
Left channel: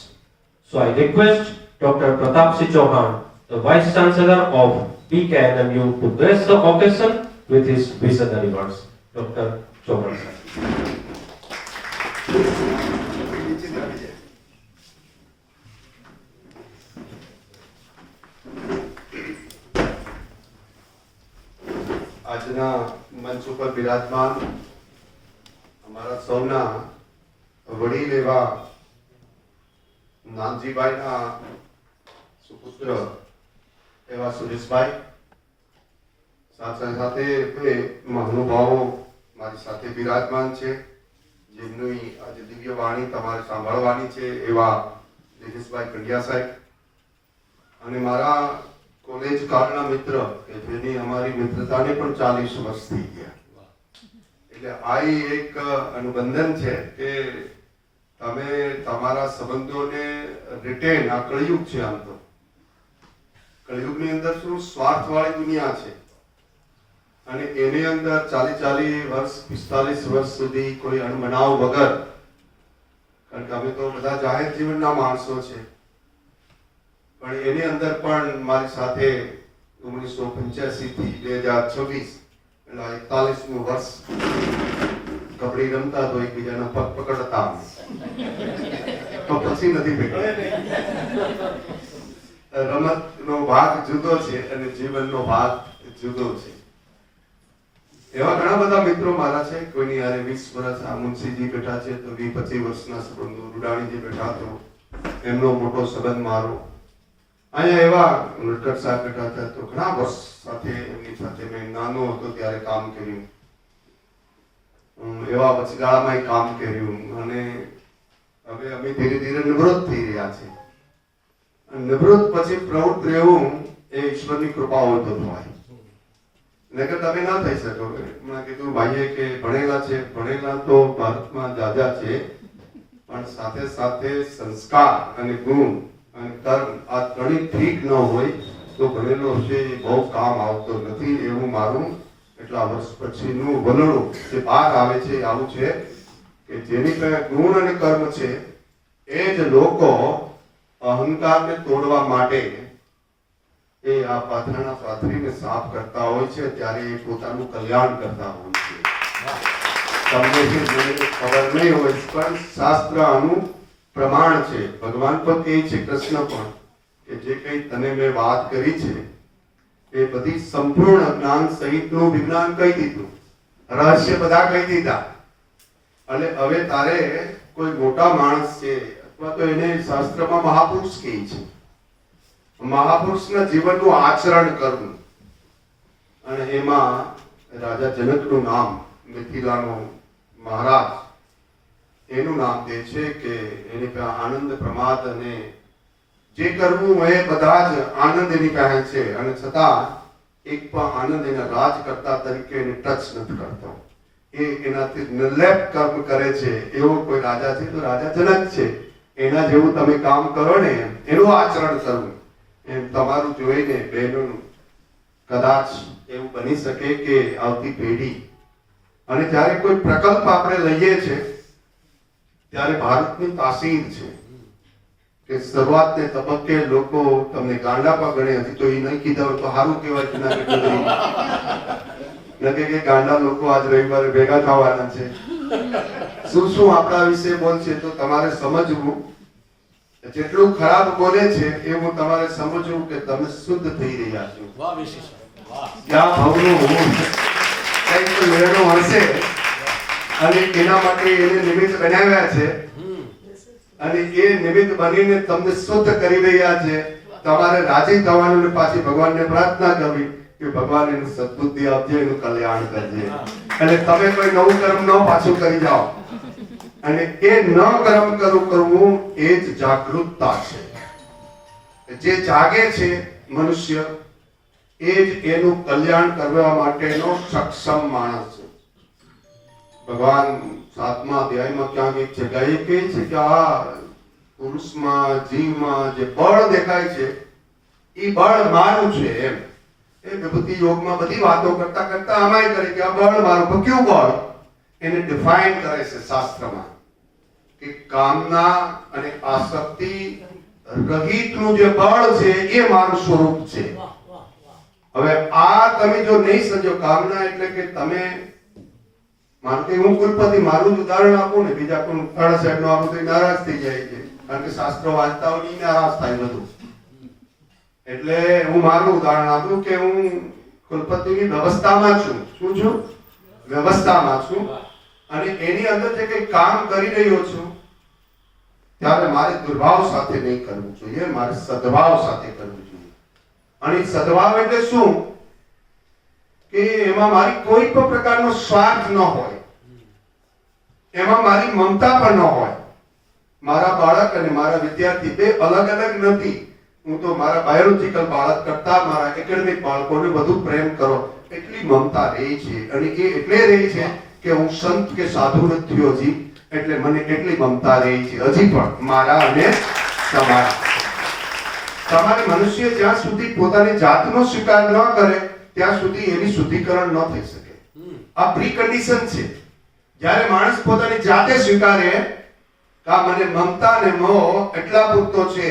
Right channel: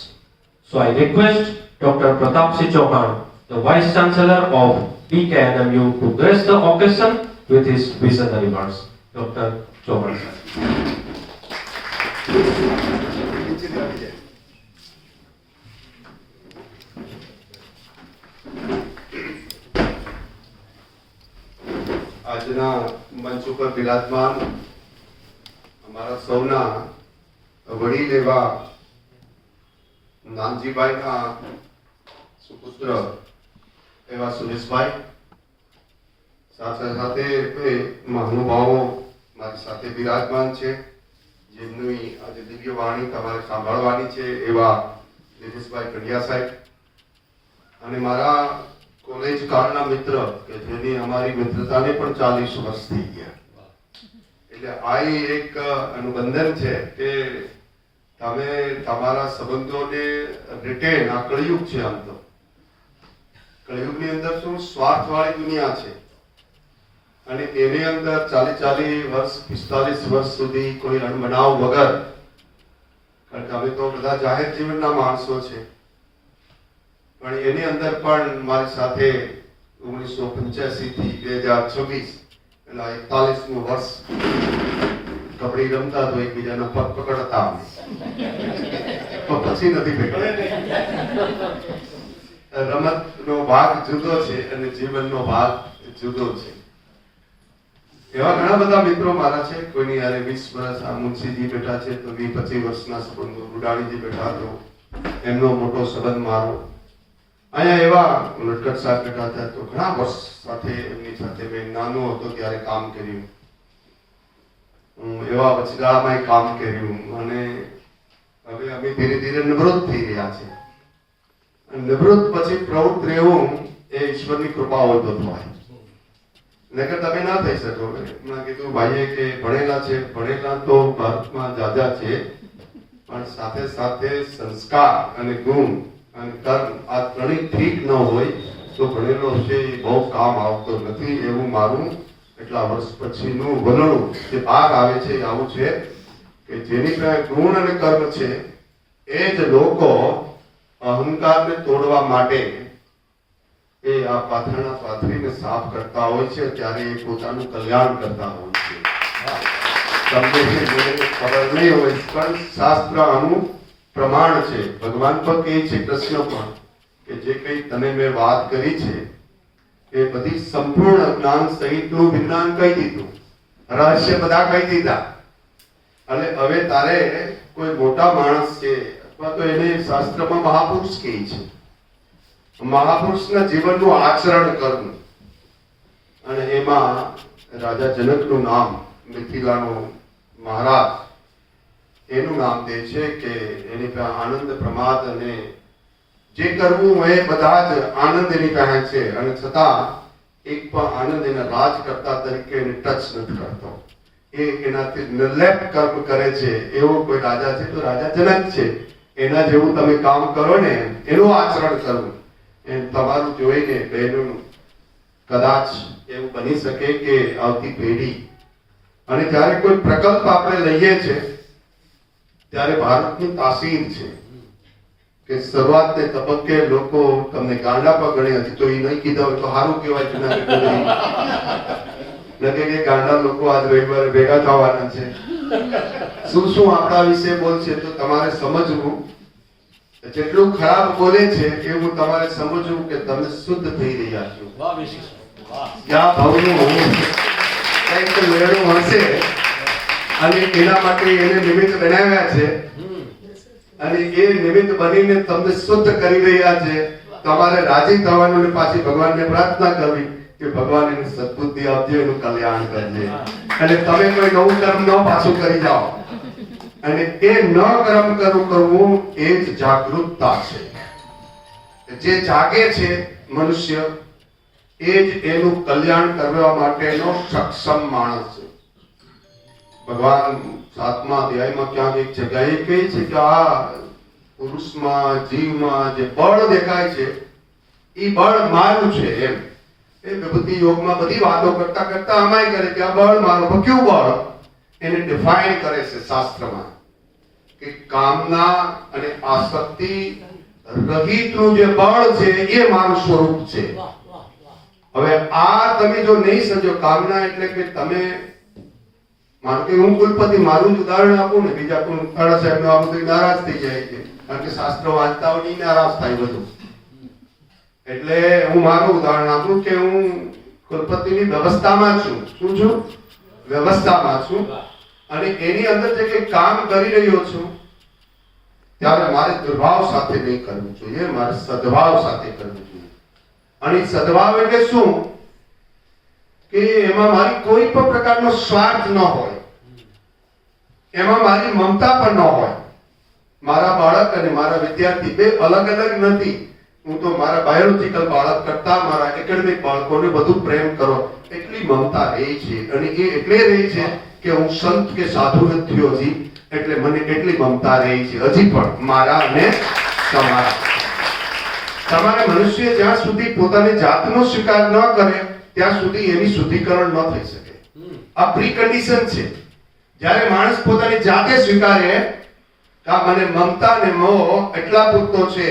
So I request Dr. Pratapsinh Chauhan, the Vice Chancellor of PKNMU, to grace the occasion with his visionary words. Dr. Chauhan sir. આજના મંચ ઉપર બિરાજમાન અમારા સૌના વડીલ એવા નાનજીભાઈના સુપુત્ર એવા સુરેશભાઈ, સાથે સાથે બે મહાનુભાવો મારી સાથે બિરાજમાન છે, જેમની આજે દિવ્ય વાણી તમારે સાંભળવાની છે, એવા દિનેશભાઈ કંડિયા સાહેબ, અને મારા કોલેજ કાળના મિત્ર કે જેની અમારી મિત્રતાને પણ 40 વર્ષ થઈ ગયા. એટલે આ એક અનુબંધન છે કે તમે તમારા સંબંધોને રિટેન, આ કળયુગ છે. આમ તો કળયુગની અંદર શું સ્વાર્થવાળી દુનિયા છે, અને એની અંદર 40 વર્ષ 45 વર્ષ સુધી કોઈ અણબનાવ વગર, કારણ કે અમે તો બધા જાહેર જીવનના માણસો છે, પણ એની અંદર પણ મારી સાથે 1985 થી 2026 એટલે 41મું વર્ષ કબડ્ડી રમતા તો એકબીજાના પગ પકડતા, તો પછી નથી પકડ્યા. રમતનો ભાગ જુદો છે અને જીવનનો ભાગ જુદો છે. એવા ઘણા બધા મિત્રો મારા છે. કોઈની યારે 20 વર્ષ, આ મુનશીજી બેઠા છે તો 20-25 વર્ષના સંબંધો, રૂડાણીજી બેઠા તો એમનો મોટો સંબંધ મારો. અહીંયા એવા લટકટ સાહેબ બેઠા હતા તો ઘણા વર્ષ સાથે એમની સાથે મેં નાનો હતો ત્યારે કામ કર્યું, એવા વચગાળામાં કામ કર્યું, અને હવે અમે ધીરે ધીરે નિવૃત્ત થઈ રહ્યા છે. નિવૃત્ત પછી પ્રવૃત્ત રહેવું એ ઈશ્વરની કૃપા હોય તો થાય, નકર તમે ના થઈ શકો. હમણાં કીધું ભાઈએ કે ભણેલા છે, ભણેલા તો ભારતમાં જાજા છે, પણ સાથે સાથે સંસ્કાર અને ગુણ અને કર્મ આ ત્રણેય ઠીક ન હોય તો ભણેલો છે એ બહુ કામ આવતો નથી. એવું મારું એટલા વર્ષ પછીનું વલણું જે બહાર આવે છે એ આવું છે કે જેની પાસે ગુણ અને કર્મ છે એ જ લોકો અહંકારને તોડવા માટે એ આ પાથરણા પાથરીને સાફ કરતા હોય છે, ત્યારે એ પોતાનું કલ્યાણ કરતા હોય છે. તમને છે જેને ખબર નહીં હોય પણ શાસ્ત્ર આનું પ્રમાણ છે. ભગવાન પણ કહે છે, કૃષ્ણ પણ, કે જે કંઈ તને મેં વાત કરી છે એ બધી સંપૂર્ણ જ્ઞાન સહિતનું વિજ્ઞાન કહી દીધું, રહસ્ય બધા કહી દીધા. એટલે હવે તારે કોઈ મોટા માણસ છે અથવા તો એને શાસ્ત્રમાં મહાપુરુષ કહે છે, મહાપુરુષના જીવનનું આચરણ કરવું. અને એમાં રાજા જનકનું નામ, મિથિલાનો મહારાજ, એનું નામ દે છે કે એની પાસે આનંદ પ્રમાદ અને જે કરવું એ બધા જ આનંદ એની પાસે છે, અને છતાં એક પણ આનંદ એના રાજકર્તા તરીકે એને ટચ નથી કરતો. એ એનાથી નિર્લેપ કર્મ કરે છે. એવો કોઈ રાજા છે તો રાજા જનક છે. એના જેવું તમે કામ કરો ને, એનું આચરણ કરવું. એમ તમારું જોઈને બહેનું કદાચ એવું બની શકે કે આવતી પેઢી, અને જ્યારે કોઈ પ્રકલ્પ આપણે લઈએ છે ત્યારે ભારતની તાસીર છે કે શરૂઆતને તબક્કે લોકો તમને ગાંડા પર ગણે, હજી તો એ નહીં કીધા હોય તો સારું કહેવાય કે નથી કે ગાંડા લોકો આજ રવિવારે ભેગા થવાના છે, શું શું આપણા વિશે બોલશે. તો તમારે સમજવું, જેટલું ખરાબ બોલે છે એવું તમારે સમજવું કે તમે શુદ્ધ થઈ રહ્યા છો. જ્યાં ભાવનું કંઈક મેળો હશે અને એના માટે એને નિમિત્ત બનાવ્યા છે, અને એ નિમિત્ત બનીને તમને શુદ્ધ કરી રહ્યા છે. તમારે રાજી થવાનું અને પાછી ભગવાનને પ્રાર્થના કરવી કે ભગવાન એનું સદબુદ્ધિ આપજે, એનું કલ્યાણ કરજે. એટલે તમે કોઈ નવું કર્મ ન પાછું કરી જાઓ. અને એ ન કર્મ કરવું એ જ જાગૃતતા છે. જે જાગે છે મનુષ્ય, એ જ એનું કલ્યાણ કરવા માટેનો સક્ષમ માણસ છે. ભગવાન 7મા અધ્યાયમાં ક્યાંક એક જગ્યાએ કહે છે કે આ પુરુષમાં, જીવમાં જે બળ દેખાય છે એ બળ મારું છે. એમ એ વિભૂતિ યોગમાં બધી વાતો કરતા કરતા અમાય કરે કે આ બળ મારું. પણ કયું બળ? એને ડિફાઇન કરે છે શાસ્ત્રમાં કે કામના અને આસક્તિ રહિતનું જે બળ છે એ મારું સ્વરૂપ છે. હવે આ તમે જો નહીં સમજો, કામના એટલે કે તમે, માનો કે હું કુલપતિ મારું જ ઉદાહરણ આપું ને, બીજા કોઈ તારા સાહેબ નું આપું તો નારાજ થઈ જાય છે, કારણ કે શાસ્ત્ર વાંચતા હોય નહીં નારાજ થાય બધું. એટલે હું મારું ઉદાહરણ આપું કે હું કુલપતિની વ્યવસ્થામાં છું. શું છું? વ્યવસ્થામાં છું. અને એની અંદર જે કંઈ કામ કરી રહ્યો છું ત્યારે મારે દુર્ભાવ સાથે નહીં કરવું જોઈએ, મારે સદભાવ સાથે કરવું જોઈએ. અને સદભાવ એટલે શું? કે એમાં મારી કોઈ પણ પ્રકારનો સ્વાર્થ ન હોય, એમાં મારી મમતા પણ ન હોય. મારા બાળક અને મારા વિદ્યાર્થી બે અલગ અલગ નથી. હું તો મારા બાયોલોજીકલ બાળક કરતા મારા એકેડેમિક બાળકોને વધુ પ્રેમ કરો એટલી મમતા રહી છે. અને એ એટલે રહી છે કે હું સંત કે સાધુ નથી થયો હજી, એટલે મને એટલી મમતા રહી છે હજી પણ મારા અને તમારા. તમારે મનુષ્ય જ્યાં સુધી પોતાની જાતનો સ્વીકાર ન કરે ત્યાં સુધી એની શુદ્ધિકરણ ન થઈ શકે. આ પ્રી કન્ડિશન છે. જ્યારે માણસ પોતાની જાતે સ્વીકારે કે મને મમતા ને મોહ એટલા પૂરતો છે,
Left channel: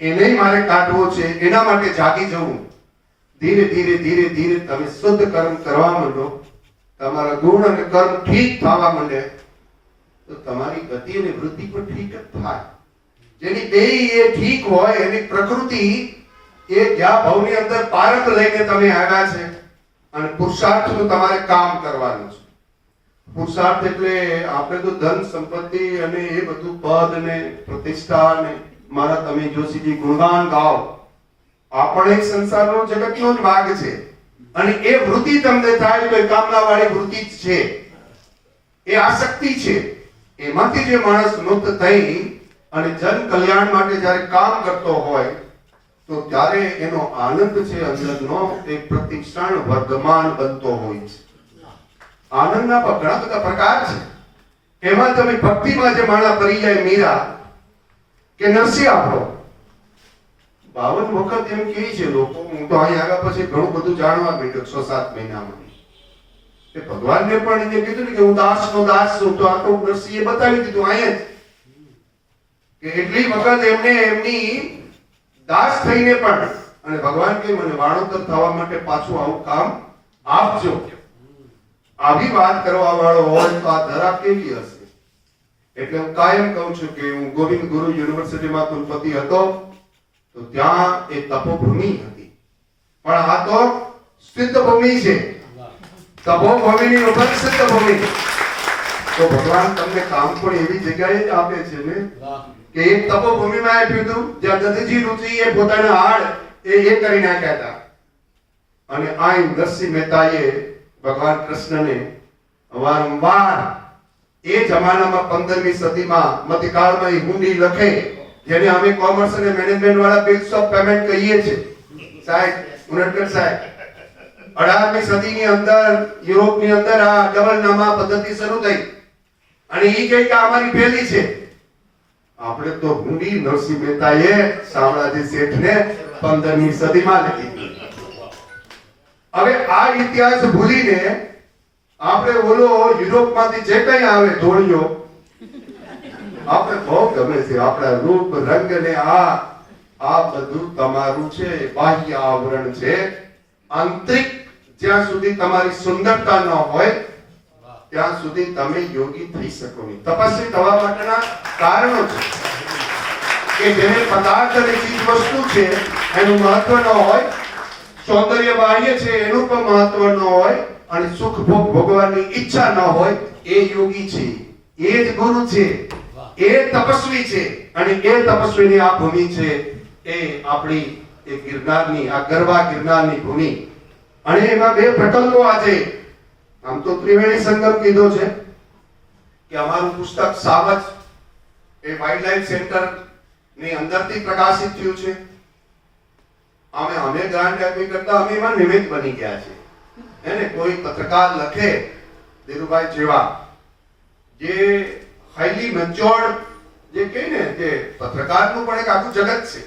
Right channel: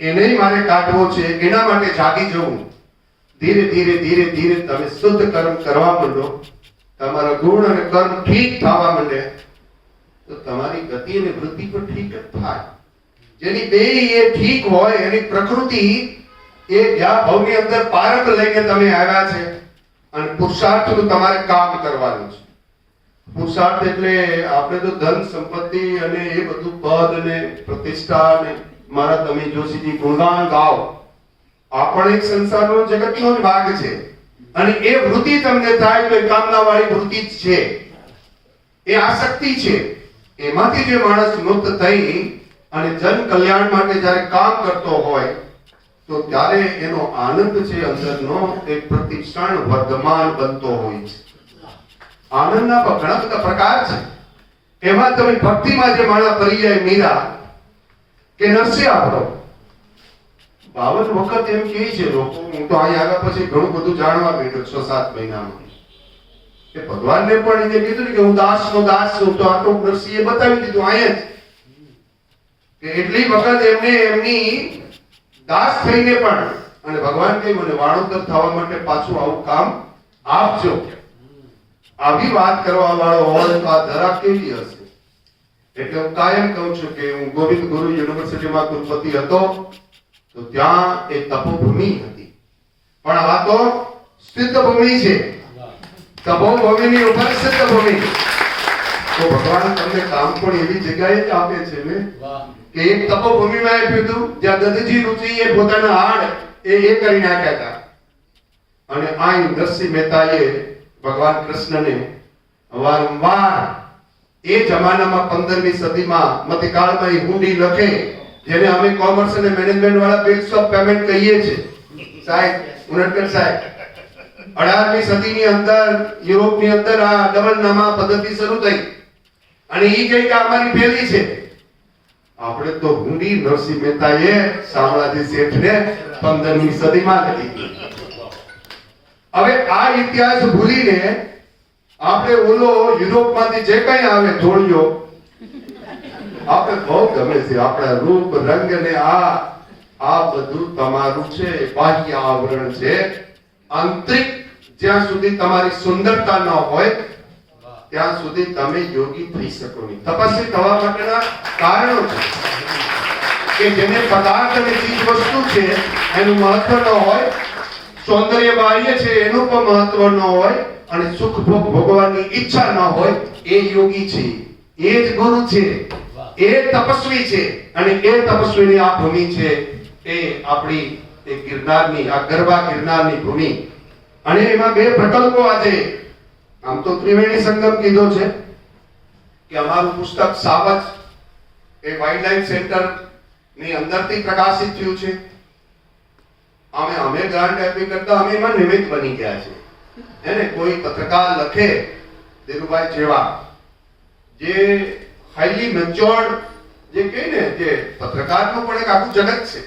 એને મારે કાઢવો છે, એના માટે જાગી જવું. ધીરે ધીરે ધીરે ધીરે તમે શુદ્ધ કર્મ કરવા માંડો, તમારા ગુણ અને કર્મ ઠીક થવા માંડે, તો તમારી ગતિ અને વૃત્તિ પણ ઠીક જ થાય. જેની બે એ ઠીક હોય, એની પ્રકૃતિ એ જ્યાં ભાવની અંદર પારખ લઈને તમે આવ્યા છે, અને પુરુષાર્થનું તમારે કામ કરવાનું છે. પુરુષાર્થ એટલે આપણે તો ધન સંપત્તિ અને એ બધું પદ અને પ્રતિષ્ઠા અને મારા તમે જોશીજી ગુણગાન ગાઓ, આ પણ એક સંસારનો જગતનો જ ભાગ છે. અને એ વૃત્તિ તમને થાય તો એ કામના વાળી વૃત્તિ જ છે, એ આસક્તિ છે. એમાંથી જે માણસ મુક્ત થઈ અને જન કલ્યાણ માટે જ્યારે કામ કરતો હોય તો ત્યારે એનો આનંદ છે અંદરનો એ પ્રતિક્ષણ વર્ધમાન બનતો હોય છે. આનંદના ઘણા બધા પ્રકાર છે. એમાં તમે ભક્તિમાં જે માળા કરી જાય, મીરા કે નરસિંહ આપણો 52 વખત એમ કહે છે લોકો. હું તો અહીં આવ્યા પછી ઘણું બધું જાણવા માંડ્યો 6-7 મહિનામાં. કે ભગવાનને પણ એને કીધું ને કે હું દાસનો દાસ છું, તો આટલું નરસિંહે બતાવી દીધું અહીંયા જ કે એટલી વખત એમને એમની દાસ થઈને પણ, અને ભગવાન કે મને વાણોતર થવા માટે પાછું આવું કામ આપજો. આવી વાત કરવા વાળો હોય તો આ ધરા કેવી હશે? એટલે હું કાયમ કહું છું કે હું ગોવિંદ ગુરુ યુનિવર્સિટીમાં કુલપતિ હતો તો ત્યાં એક તપોભૂમિ હતી. પણ આ તો સિદ્ધ ભૂમિ છે, તપોભૂમિની ઉપર સિદ્ધ ભૂમિ. તો ભગવાન તમને કામ પણ એવી જગ્યાએ જ આપે છે ને કે એક તપોભૂમિમાં આપ્યું હતું જ્યાં દધીજી ઋષિ એ પોતાના હાડ એ કરી નાખ્યા હતા, અને આઈ નરસિંહ મહેતાએ ભગવાન કૃષ્ણને વારંવાર એ જમાનામાં 15મી સદીમાં મધ્યકાળમાં એ હુંડી લખે, જેને અમે કોમર્સ અને મેનેજમેન્ટ વાળા બિલ્સ ઓફ પેમેન્ટ કહીએ છીએ. સાહેબ ઉનડકર સાહેબ, 18મી સદીની અંદર યુરોપની અંદર આ ડબલ નામા પદ્ધતિ શરૂ થઈ, અને ઈ જે કે અમારી પહેલી છે. આપણે તો હુંડી નરસિંહ મહેતાએ શામળાજી શેઠને 15મી સદીમાં લખી. હવે આ ઇતિહાસ ભૂલીને આપણે ઓલો યુરોપમાંથી જે કંઈ આવે ધોળિયો આપણે બહુ ગમે છે, આપણા રૂપ રંગ ને આ બધું તમારું છે, બાહ્ય આવરણ છે. આંતરિક જ્યાં સુધી તમારી સુંદરતા ન હોય ત્યાં સુધી તમે યોગી થઈ શકો નહીં. તપસ્વી થવા માટેના કારણો છે કે જેને પદાર્થ અને ચીજ વસ્તુ છે એનું મહત્વ ન હોય, સૌંદર્ય બાહ્ય છે એનું પણ મહત્વ ન હોય, અને સુખ ભોગ ભોગવવાની ઈચ્છા ન હોય, એ યોગી છે, એ જ ગુરુ છે, એ તપસ્વી છે. અને એ તપસ્વીની આ ભૂમિ છે એ આપણી એ ગિરનારની, આ ગરવા ગિરનારની ભૂમિ. અને એમાં બે પ્રકલ્પો આજે આમ તો ત્રિવેણી સંગમ કીધો છે કે અમારું પુસ્તક સાવજ એ વાઇલ્ડલાઇફ સેન્ટર ની અંદરથી પ્રકાશિત થયું છે. અમે ગ્રાન્ટ આપી કરતા અમે એમાં નિમિત્ત બની ગયા છે. એને કોઈ પત્રકાર લખે ધીરુભાઈ જેવા, જે હાઈલી મેચ્યોર્ડ જે કહે ને, જે પત્રકારનું પણ એક આખું જગત છે,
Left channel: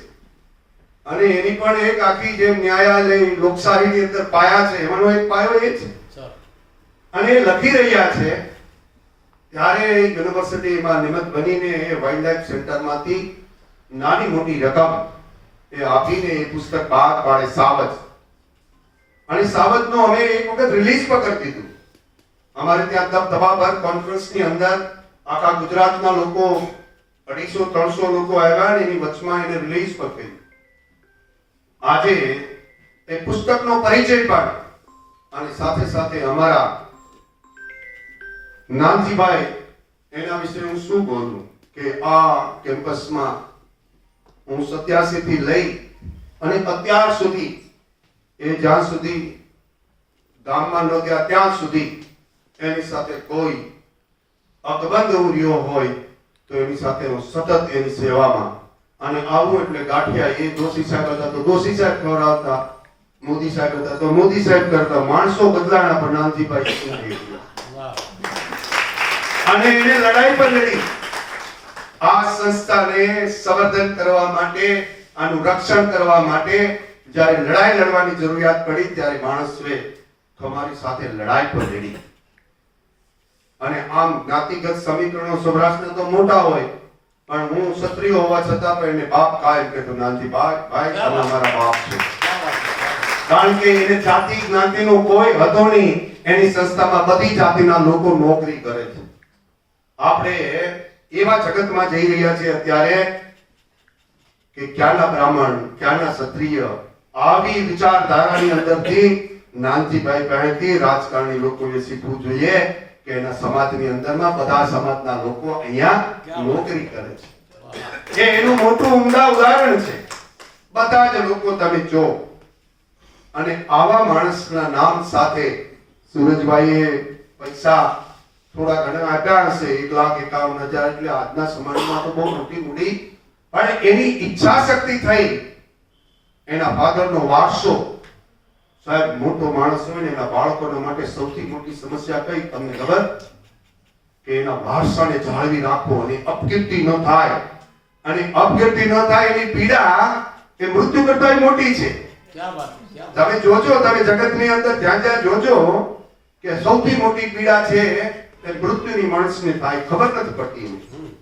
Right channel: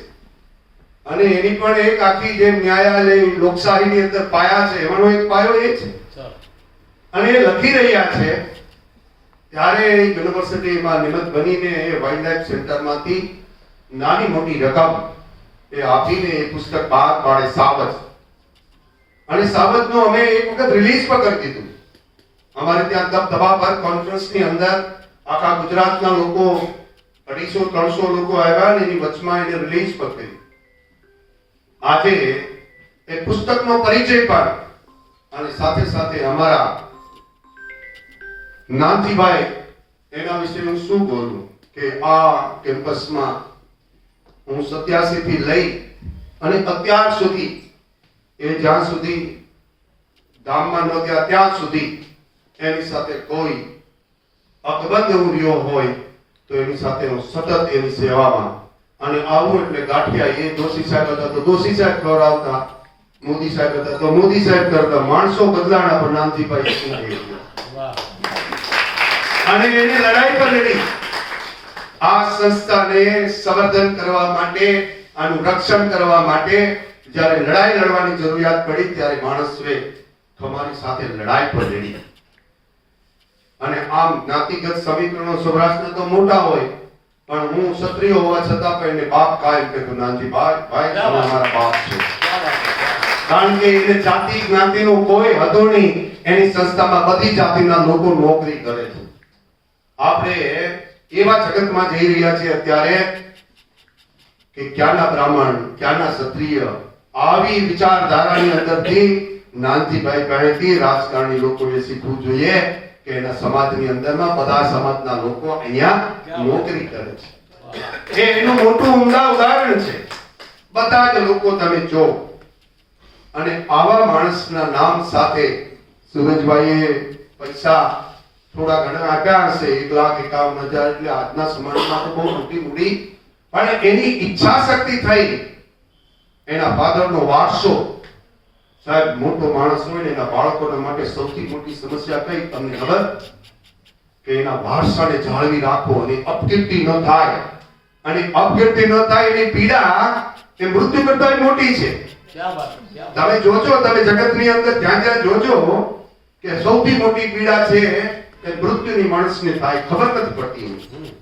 અને એની પણ એક આખી જે ન્યાયાલય લોકશાહીની અંદર પાયા છે, એમાંનો એક પાયો એ છે. અને એ લખી રહ્યા છે ત્યારે યુનિવર્સિટીમાં નિમિત્ત બનીને એ વાઇલ્ડલાઇફ સેન્ટરમાંથી નાની મોટી રકમ એ આપીને એ પુસ્તક બહાર પાડે સાવજ. અને સાવજનું અમે એક વખત રિલીઝ પણ કરી દીધું. અમારે ત્યાં દબદબા પર કોન્ફરન્સની અંદર આખા ગુજરાતના લોકો 250-300 લોકો આવ્યા અને એની વચમાં એને રિલીઝ પણ કરી. આજે એ પુસ્તકનો પરિચય પણ, અને સાથે સાથે અમારા નાનજીભાઈ, એના વિશે હું શું બોલું કે આ કેમ્પસમાં હું 87 થી લઈ અને અત્યાર સુધી એ જ્યાં સુધી ગામમાં ન ગયા ત્યાં સુધી એની સાથે કોઈ અકબંધ એવું રહ્યો હોય તો એની સાથે હું સતત એની સેવામાં. અને આવું એટલે ગાંઠિયા એ દોશી સાહેબ હતા તો દોશી સાહેબ ખવડાવતા, મોદી સાહેબ હતા તો મોદી સાહેબ કરતા. માણસો બદલાણા પણ નાનજીભાઈ શું થઈ ગયું. અને એને લડાઈ પર લડી. આ સંસ્થાને સંવર્ધન કરવા માટે, આનું રક્ષણ કરવા માટે જ્યારે લડાઈ લડવાની જરૂરિયાત પડી ત્યારે માણસોએ તમારી સાથે લડાઈ પર લડી. અને આમ જ્ઞાતિગત સમીકરણો સૌરાષ્ટ્રના તો મોટા હોય, પણ હું ક્ષત્રિય હોવા છતાં પણ એને બાપ કાયમ કહેતો. નાનજી ભાઈ તમે અમારા બાપ છો. કારણ કે એને જાતિ જ્ઞાતિનો કોઈ હતો નહીં. એની સંસ્થામાં બધી જાતિના લોકો નોકરી કરે છે. આપણે એવા જગતમાં જઈ રહ્યા છીએ અત્યારે કે ક્યાંના બ્રાહ્મણ, ક્યાંના ક્ષત્રિય, આવી વિચારધારાની અંદરથી નાનજીભાઈ પાસેથી રાજકારણી લોકોએ શીખવું જોઈએ કે એના સમાજની અંદરમાં બધા સમાજના લોકો અહીંયા નોકરી કરે છે. એ એનું મોટું ઉમદા ઉદાહરણ છે. બધા જ લોકો તમે જો, અને આવા માણસના નામ સાથે સુરજભાઈએ પૈસા થોડા ઘણા આપ્યા હશે, 1,51,000, એટલે આજના સમાજમાં તો બહુ મોટી મૂડી. પણ એની ઈચ્છા શક્તિ થઈ, એના ફાધરનો વારસો. સાહેબ મોટો માણસ હોય ને એના બાળકોના માટે સૌથી મોટી સમસ્યા કઈ તમને ખબર? કે એના વારસાને જાળવી રાખવો અને અપકીર્તિ ન થાય. અને અપકીર્તિ ન થાય એની પીડા એ મૃત્યુ કરતા મોટી છે. તમે જોજો, તમે જગતની અંદર જ્યાં જ્યાં જોજો કે સૌથી મોટી પીડા છે એ મૃત્યુની માણસને થાય, ખબર નથી પડતી.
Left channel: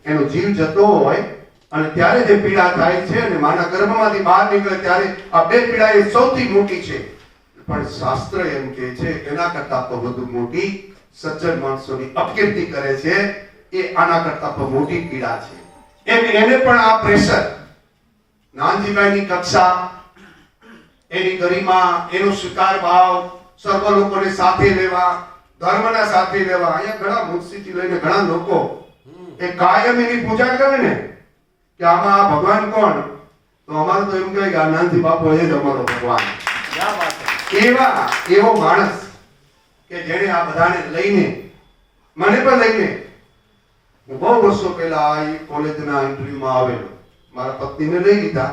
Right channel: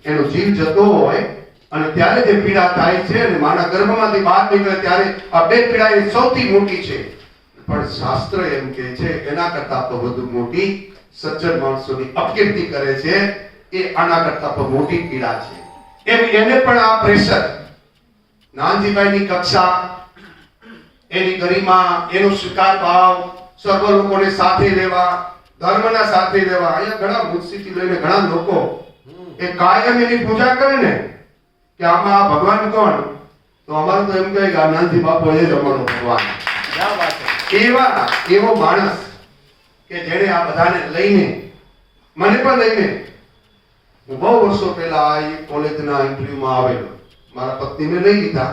એનો જીવ જતો હોય અને ત્યારે જે પીડા થાય છે, અને માના ગર્ભમાંથી બહાર નીકળે ત્યારે આ બે પીડા એ સૌથી મોટી છે. પણ શાસ્ત્ર એમ કહે છે એના કરતા તો વધુ મોટી સજ્જન માણસોની અપકીર્તિ કરે છે, એ આના કરતા તો મોટી પીડા છે. એને પણ આ પ્રેશર, નાનજીભાઈની કક્ષા એની ગરિમા, એનો સ્વીકાર ભાવ, સર્વ લોકોને સાથે લેવા, ધર્મના સાથે લેવા. અહીંયા ઘણા મુનશીથી લઈને ઘણા લોકો એ કાયમ એની પૂજા કરે ને કે આમાં આ ભગવાન કોણ, તો અમારું તો એમ કહે કે આ નાનજી બાપુ એ જ અમારો ભગવાન. એવો માણસ કે જેણે આ બધાને લઈને, મને પણ લઈને, હું બહુ વર્ષો પહેલા આ કોલેજના ઇન્ટરવ્યુમાં આવેલો, મારા પત્નીને લઈ લીધા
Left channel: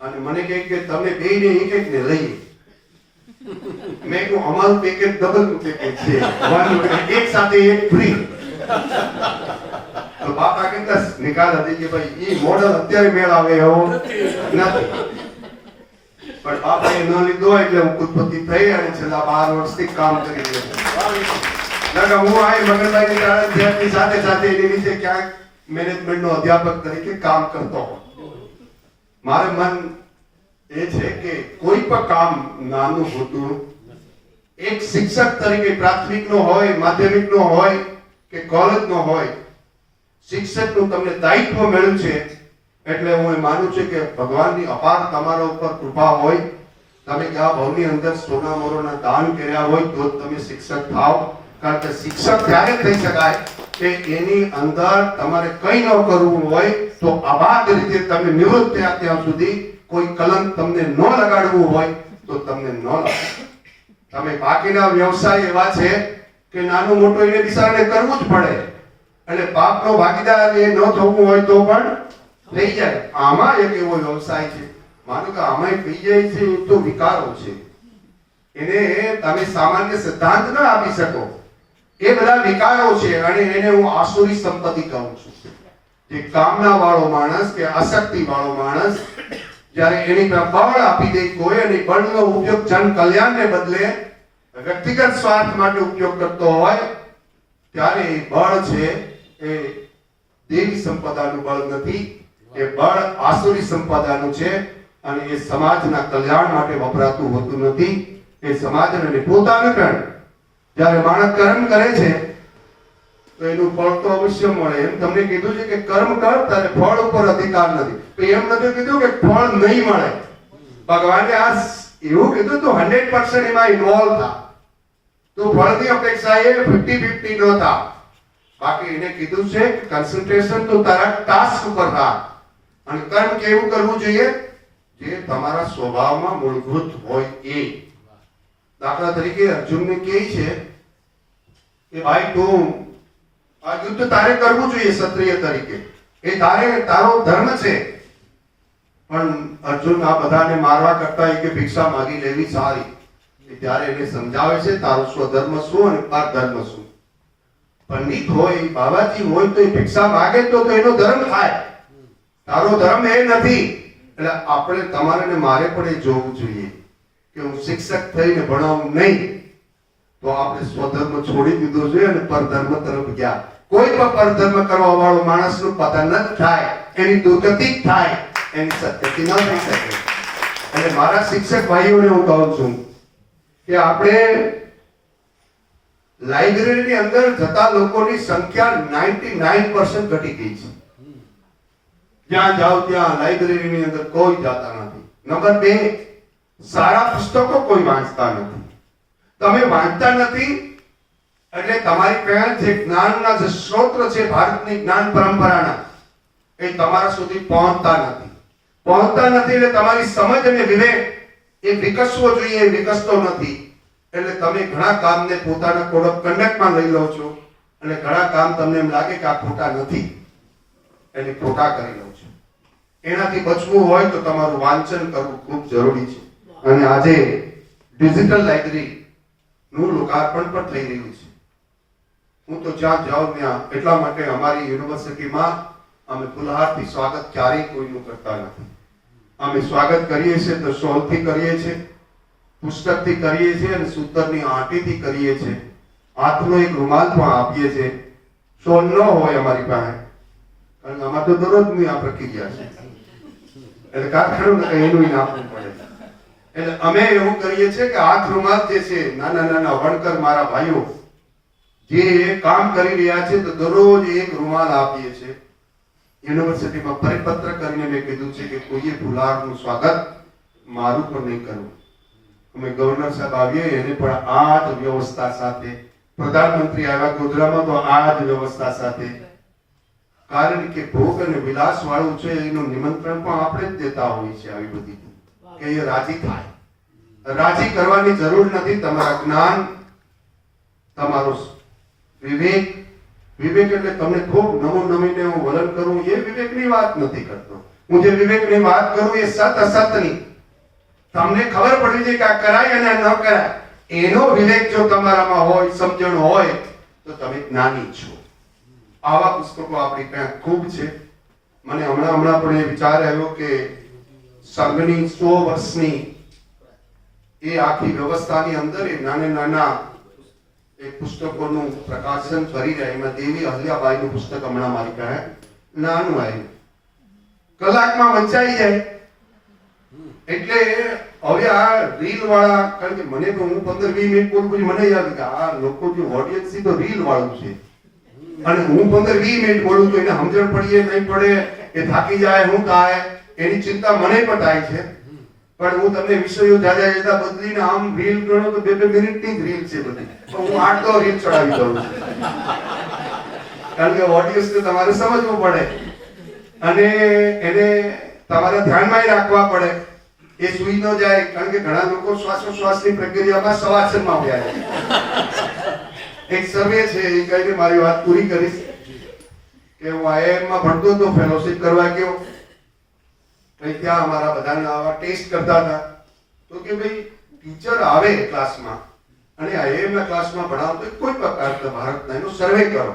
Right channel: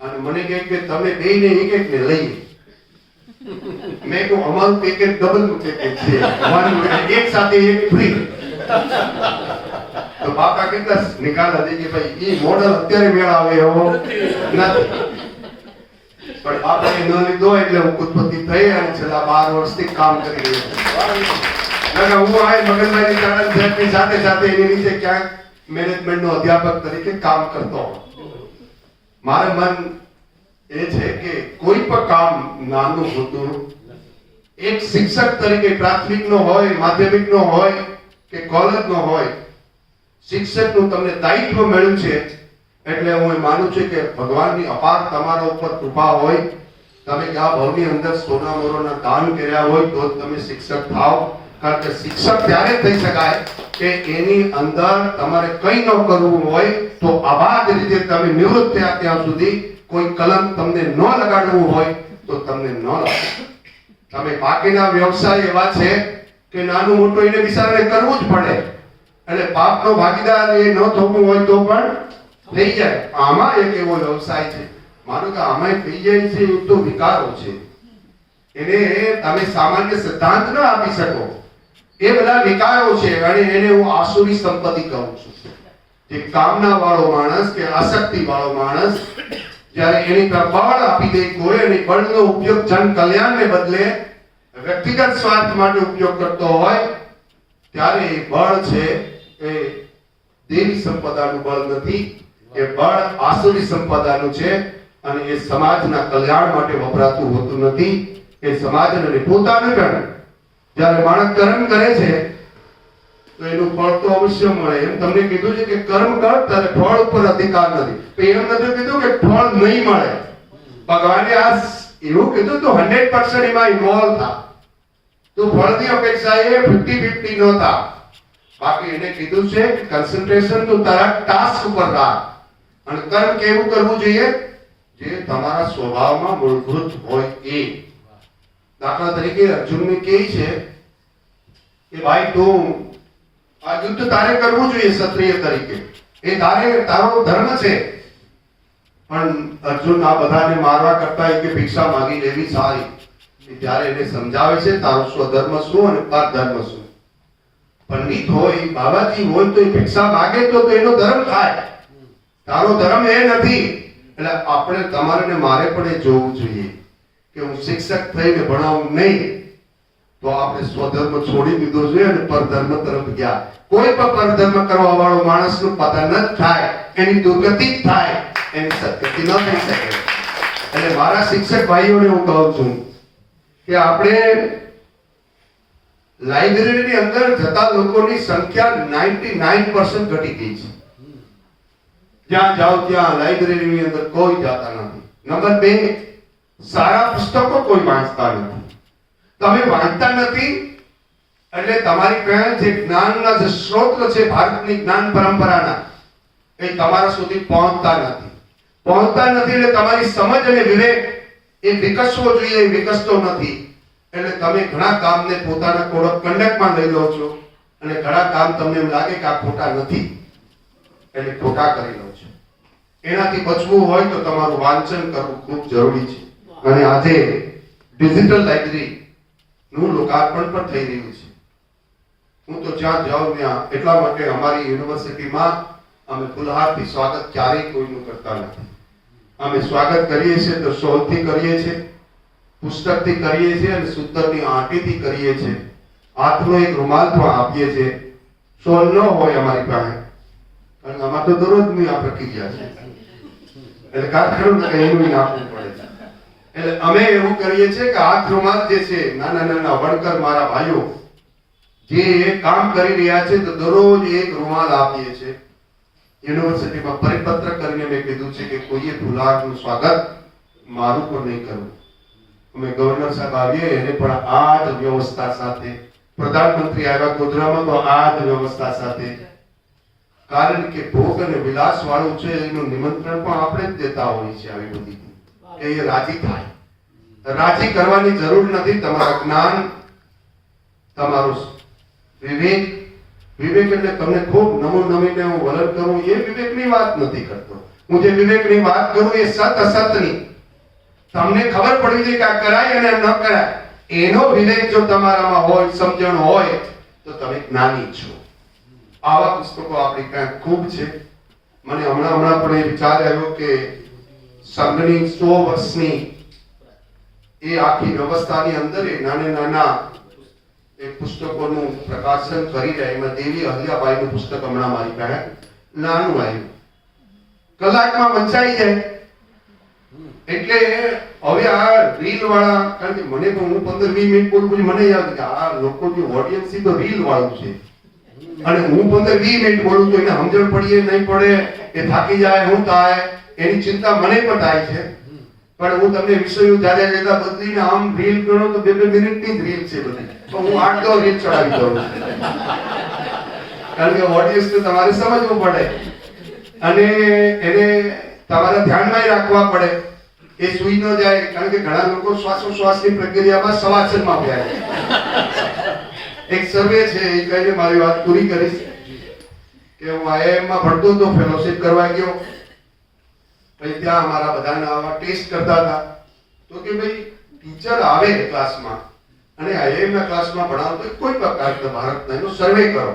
અને મને કહે કે તમે બેયને એક એક ને લઈએ. મેં કહ્યું અમારું પેકેજ ડબલ નું પેકેજ છે, એક સાથે એક ફ્રી. તો બાપા કેટલા નિકાલ હતી કે ભાઈ એ મોડલ અત્યારે મેળાવે એવો નથી, પણ બાપાએ ન લીધો એટલે હું ઉત્પત્તિ થઈ અને છેલ્લા 12 વર્ષથી કામ કરી રહ્યો છું. હું આ મગનભાઈની સાથે સાથે એની નીચે ક્યાંક મેનેજમેન્ટનો અધ્યાપક તરીકે કામ કરતો હોઉં. મારું મન એ છે કે કોઈ પણ કામ નાનું હોતું, એક શિક્ષક તરીકે પ્રાથમિકનો હોય, માધ્યમિકનો હોય કે કોલેજનો હોય, શિક્ષકનું તમને દાયિત્વ મળ્યું છે એટલે હું માનું છું કે ભગવાનની અપાર તમારા ઉપર કૃપા હોય. તમે આ ભવની અંદર સોના મોરોના દાન કર્યા હોય તો તમે શિક્ષક થાવ. કારણ કે શિક્ષક ત્યારે થઈ શકાય કે એની અંદર તમારે કંઈ ન કરવું હોય તો અબાધ રીતે તમે નિવૃત્ત થયા ત્યાં સુધી કોઈ કલંક તમને ન લગાડવું હોય તો તમને ન લગાડો. તમે બાકીના વ્યવસાય એવા છે કે નાનું મોટું એને બિચારાને કરવું જ પડે એટલે પાપનો ભાગીદાર એ ન થવું હોય તો પણ થઈ જાય. આમાં એક એવો વ્યવસાય છે, માનો કે આમાં થઈ જાય છે, એ તો વિકારો છે, એને તમે સામાન્ય સિદ્ધાંત ન આપી શકો. એ બધા વિકારો છે અને એને હું આસુરી સંપત્તિ કહું છું. જે કામના વાળો માણસ કે આસક્તિ વાળો માણસ જ્યારે એની પર બળ આપી દે કોઈ અને બળનો ઉપયોગ જન કલ્યાણને બદલે વ્યક્તિગત સ્વાર્થ માટે ઉપયોગ કરતો હોય ત્યારે એ બળ છે એ દેવી સંપદાનું બળ નથી, એ બળ આસુરી સંપદાનું છે અને એ સમાજના કલ્યાણ માટે વપરાતું હોતું નથી. એ સમાજને પોતાનું પણ જ્યારે માણસ કર્મ કરે છે તો એનું ફળ તો અવશ્ય મળે. એમ તમને કીધું છે કે કર્મ કર તારે ફળ ઉપર અધિકાર નથી, એમ નથી કીધું કે ફળ નહીં મળે. ભગવાને આ એવું કીધું તો 100% એમાં ઇન્વોલ્વ થા, તો ફળની અપેક્ષા એ 50-50 ન થા. બાકી એને કીધું છે કે કન્સન્ટ્રેશન તો તારા ટાસ્ક ઉપર રાખ અને કર્મ કેવું કરવું જોઈએ જે તમારા સ્વભાવમાં મૂળભૂત હોય એ. દાખલા તરીકે અર્જુનને કહે છે કે ભાઈ તું આ યુદ્ધ તારે કરવું જોઈએ ક્ષત્રિય તરીકે, એ તારો ધર્મ છે. પણ અર્જુન આ બધાને મારવા કરતા કે ભિક્ષા માંગી લેવી સારી. ત્યારે એને સમજાવે છે તારો સ્વધર્મ શું અને પરધર્મ શું. પંડિત હોય, બાબાજી હોય તો એ ભિક્ષા માંગે તો એનો ધર્મ થાય, તારો ધર્મ એ નથી. એટલે આપણે તમારે ને મારે પણ એ જોવું જોઈએ કે હું શિક્ષક થઈને ભણાવું નહીં તો આપણે સ્વધર્મ છોડી દીધો છે અને પરધર્મ તરફ ગયા. કોઈ પણ પરધર્મ કરવા વાળો માણસનું પતન જ થાય, એની દુર્ગતિ જ થાય, એની સદગતિ ન થઈ શકે. એટલે મારા શિક્ષક ભાઈઓને હું કહું છું કે આપણે લાઇબ્રેરીની અંદર જતા લોકોની સંખ્યા 99% ઘટી ગઈ છે. જ્યાં જાઓ ત્યાં લાઇબ્રેરીની અંદર કોઈ જાતા નથી. નંબર 2, સારા પુસ્તકો કોઈ વાંચતા નથી. તમે વાંચતા નથી એટલે તમારી પાસે જે જ્ઞાનના જે સ્ત્રોત છે ભારતની જ્ઞાન પરંપરાના એ તમારા સુધી પહોંચતા નથી એટલે તમારી સમજ અને વિવેક એ વિકસવો જોઈએ એ વિકસતો નથી. એટલે તમે ઘણા કામને પોતાના કોડ ઓફ કન્ડક્ટમાં લઈ લો છો અને ઘણા કામ તમને એમ લાગે કે આ ખોટા નથી એટલે ખોટા કરી લો છો. એનાથી બચવું હોય તો તમારું વાંચન કરવું ખૂબ જરૂરી છે. અને આજે ડિજિટલ લાઇબ્રેરી નું લોકાર્પણ પણ થઈ રહ્યું છે. હું તો જ્યાં જાઉં ત્યાં એટલા માટે અમારી યુનિવર્સિટીમાં અમે ફુલહારથી સ્વાગત ક્યારેય કોઈનું કરતા નથી. અમે સ્વાગત કરીએ છીએ તો શોલથી કરીએ છીએ, પુસ્તકથી કરીએ છીએ અને સૂતરની આંટીથી કરીએ છીએ. હાથનો એક રૂમાલ પણ આપીએ છીએ. શોલ ન હોય અમારી પાસે કારણ કે આમાં તો દરરોજની આ પ્રક્રિયા છે એટલે કારખાનું એનું આપવું પડે. એટલે અમે એવું કરીએ છીએ કે હાથ રૂમાલ જે છે નાના વણકર મારા ભાઈઓ જે કામ કરી રહ્યા છે તો દરરોજ એક રૂમાલ આપીએ છીએ. યુનિવર્સિટીમાં પરિપત્ર કરીને મેં કીધું છે કે કોઈએ ફુલહારનું સ્વાગત મારું પણ નહીં કરવું. અમે ગવર્નર સાહેબ આવીએ એને પણ આ જ વ્યવસ્થા સાથે, પ્રધાનમંત્રી આવ્યા ગોધરામાં તો આ જ વ્યવસ્થા સાથે, કારણ કે ભોગ અને વિલાસ વાળું છે એનું નિમંત્રણ પણ આપણે જ દેતા હોઈએ છીએ આવી બધી કે એ રાજી થાય. રાજી કરવાની જરૂર નથી. તમારા જ્ઞાન, તમારું વિવેક, વિવેક એટલે તમને ખૂબ નવું નવીને હું વલણ કરું એ વિવેકની વાત નથી કરતો. હું જે વિવેકની વાત કરું એ સત અસતની, તમને ખબર પડવી જોઈએ કે આ કરાય અને ન કરાય એનો વિવેક જો તમારામાં હોય, સમજણ હોય તો તમે જ્ઞાની છો. આવા પુસ્તકો આપણી પાસે ખૂબ છે. મને હમણાં પણ એ વિચાર આવ્યો કે સંઘની 100 વર્ષની એ આખી વ્યવસ્થાની અંદર એ નાના એ પુસ્તકોનું પ્રકાશન કરી રહ્યા. એમાં દેવી અહલ્યાબાઈનું પુસ્તક હમણાં મારી પાસે નાનું આવ્યું, કલાકમાં વંચાઈ જાય. એટલે હવે આ રીલ વાળા, કારણ કે મને તો હું 15-20 મિનિટ બોલું પછી મને યાદ કે આ લોકો જે ઓડિયન્સ છે તો રીલ વાળું છે, અને હું 15-20 મિનિટ બોલું તો એને સમજણ પડીએ નહીં પડે, એ થાકી જાય, હું થાય, એની ચિંતા મને પણ થાય છે. પણ હું તમને વિષયો જાજા જતા બદલીને આમ રીલ ગણો તો 2-2 મિનિટની જ રીલ છે બધી, તો હું 8-10 રીલ ચડાવી દઉં છું, કારણ કે ઓડિયન્સને તમારે સમજવું પડે અને એને તમારે ધ્યાનમાં રાખવા પડે, એ સુઈ ન જાય. કારણ કે ઘણા લોકો શ્વાસોશ્વાસની પ્રક્રિયામાં સવાસનમાં ઉભ્યા છે. એક સર્વે છે એ કહીને મારી વાત પૂરી કરીશ કે હું IIM માં ભણતો હતો, ફેલોશિપ કરવા ગયો, પછી ત્યાં અમારા બધાના આવા ટેસ્ટ કરતા હતા. તો કે ભાઈ ટીચર આવે ક્લાસમાં અને IIM ના ક્લાસમાં ભણાવતો કોઈ પ્રકારના ભારતના એનો સર્વે કરો.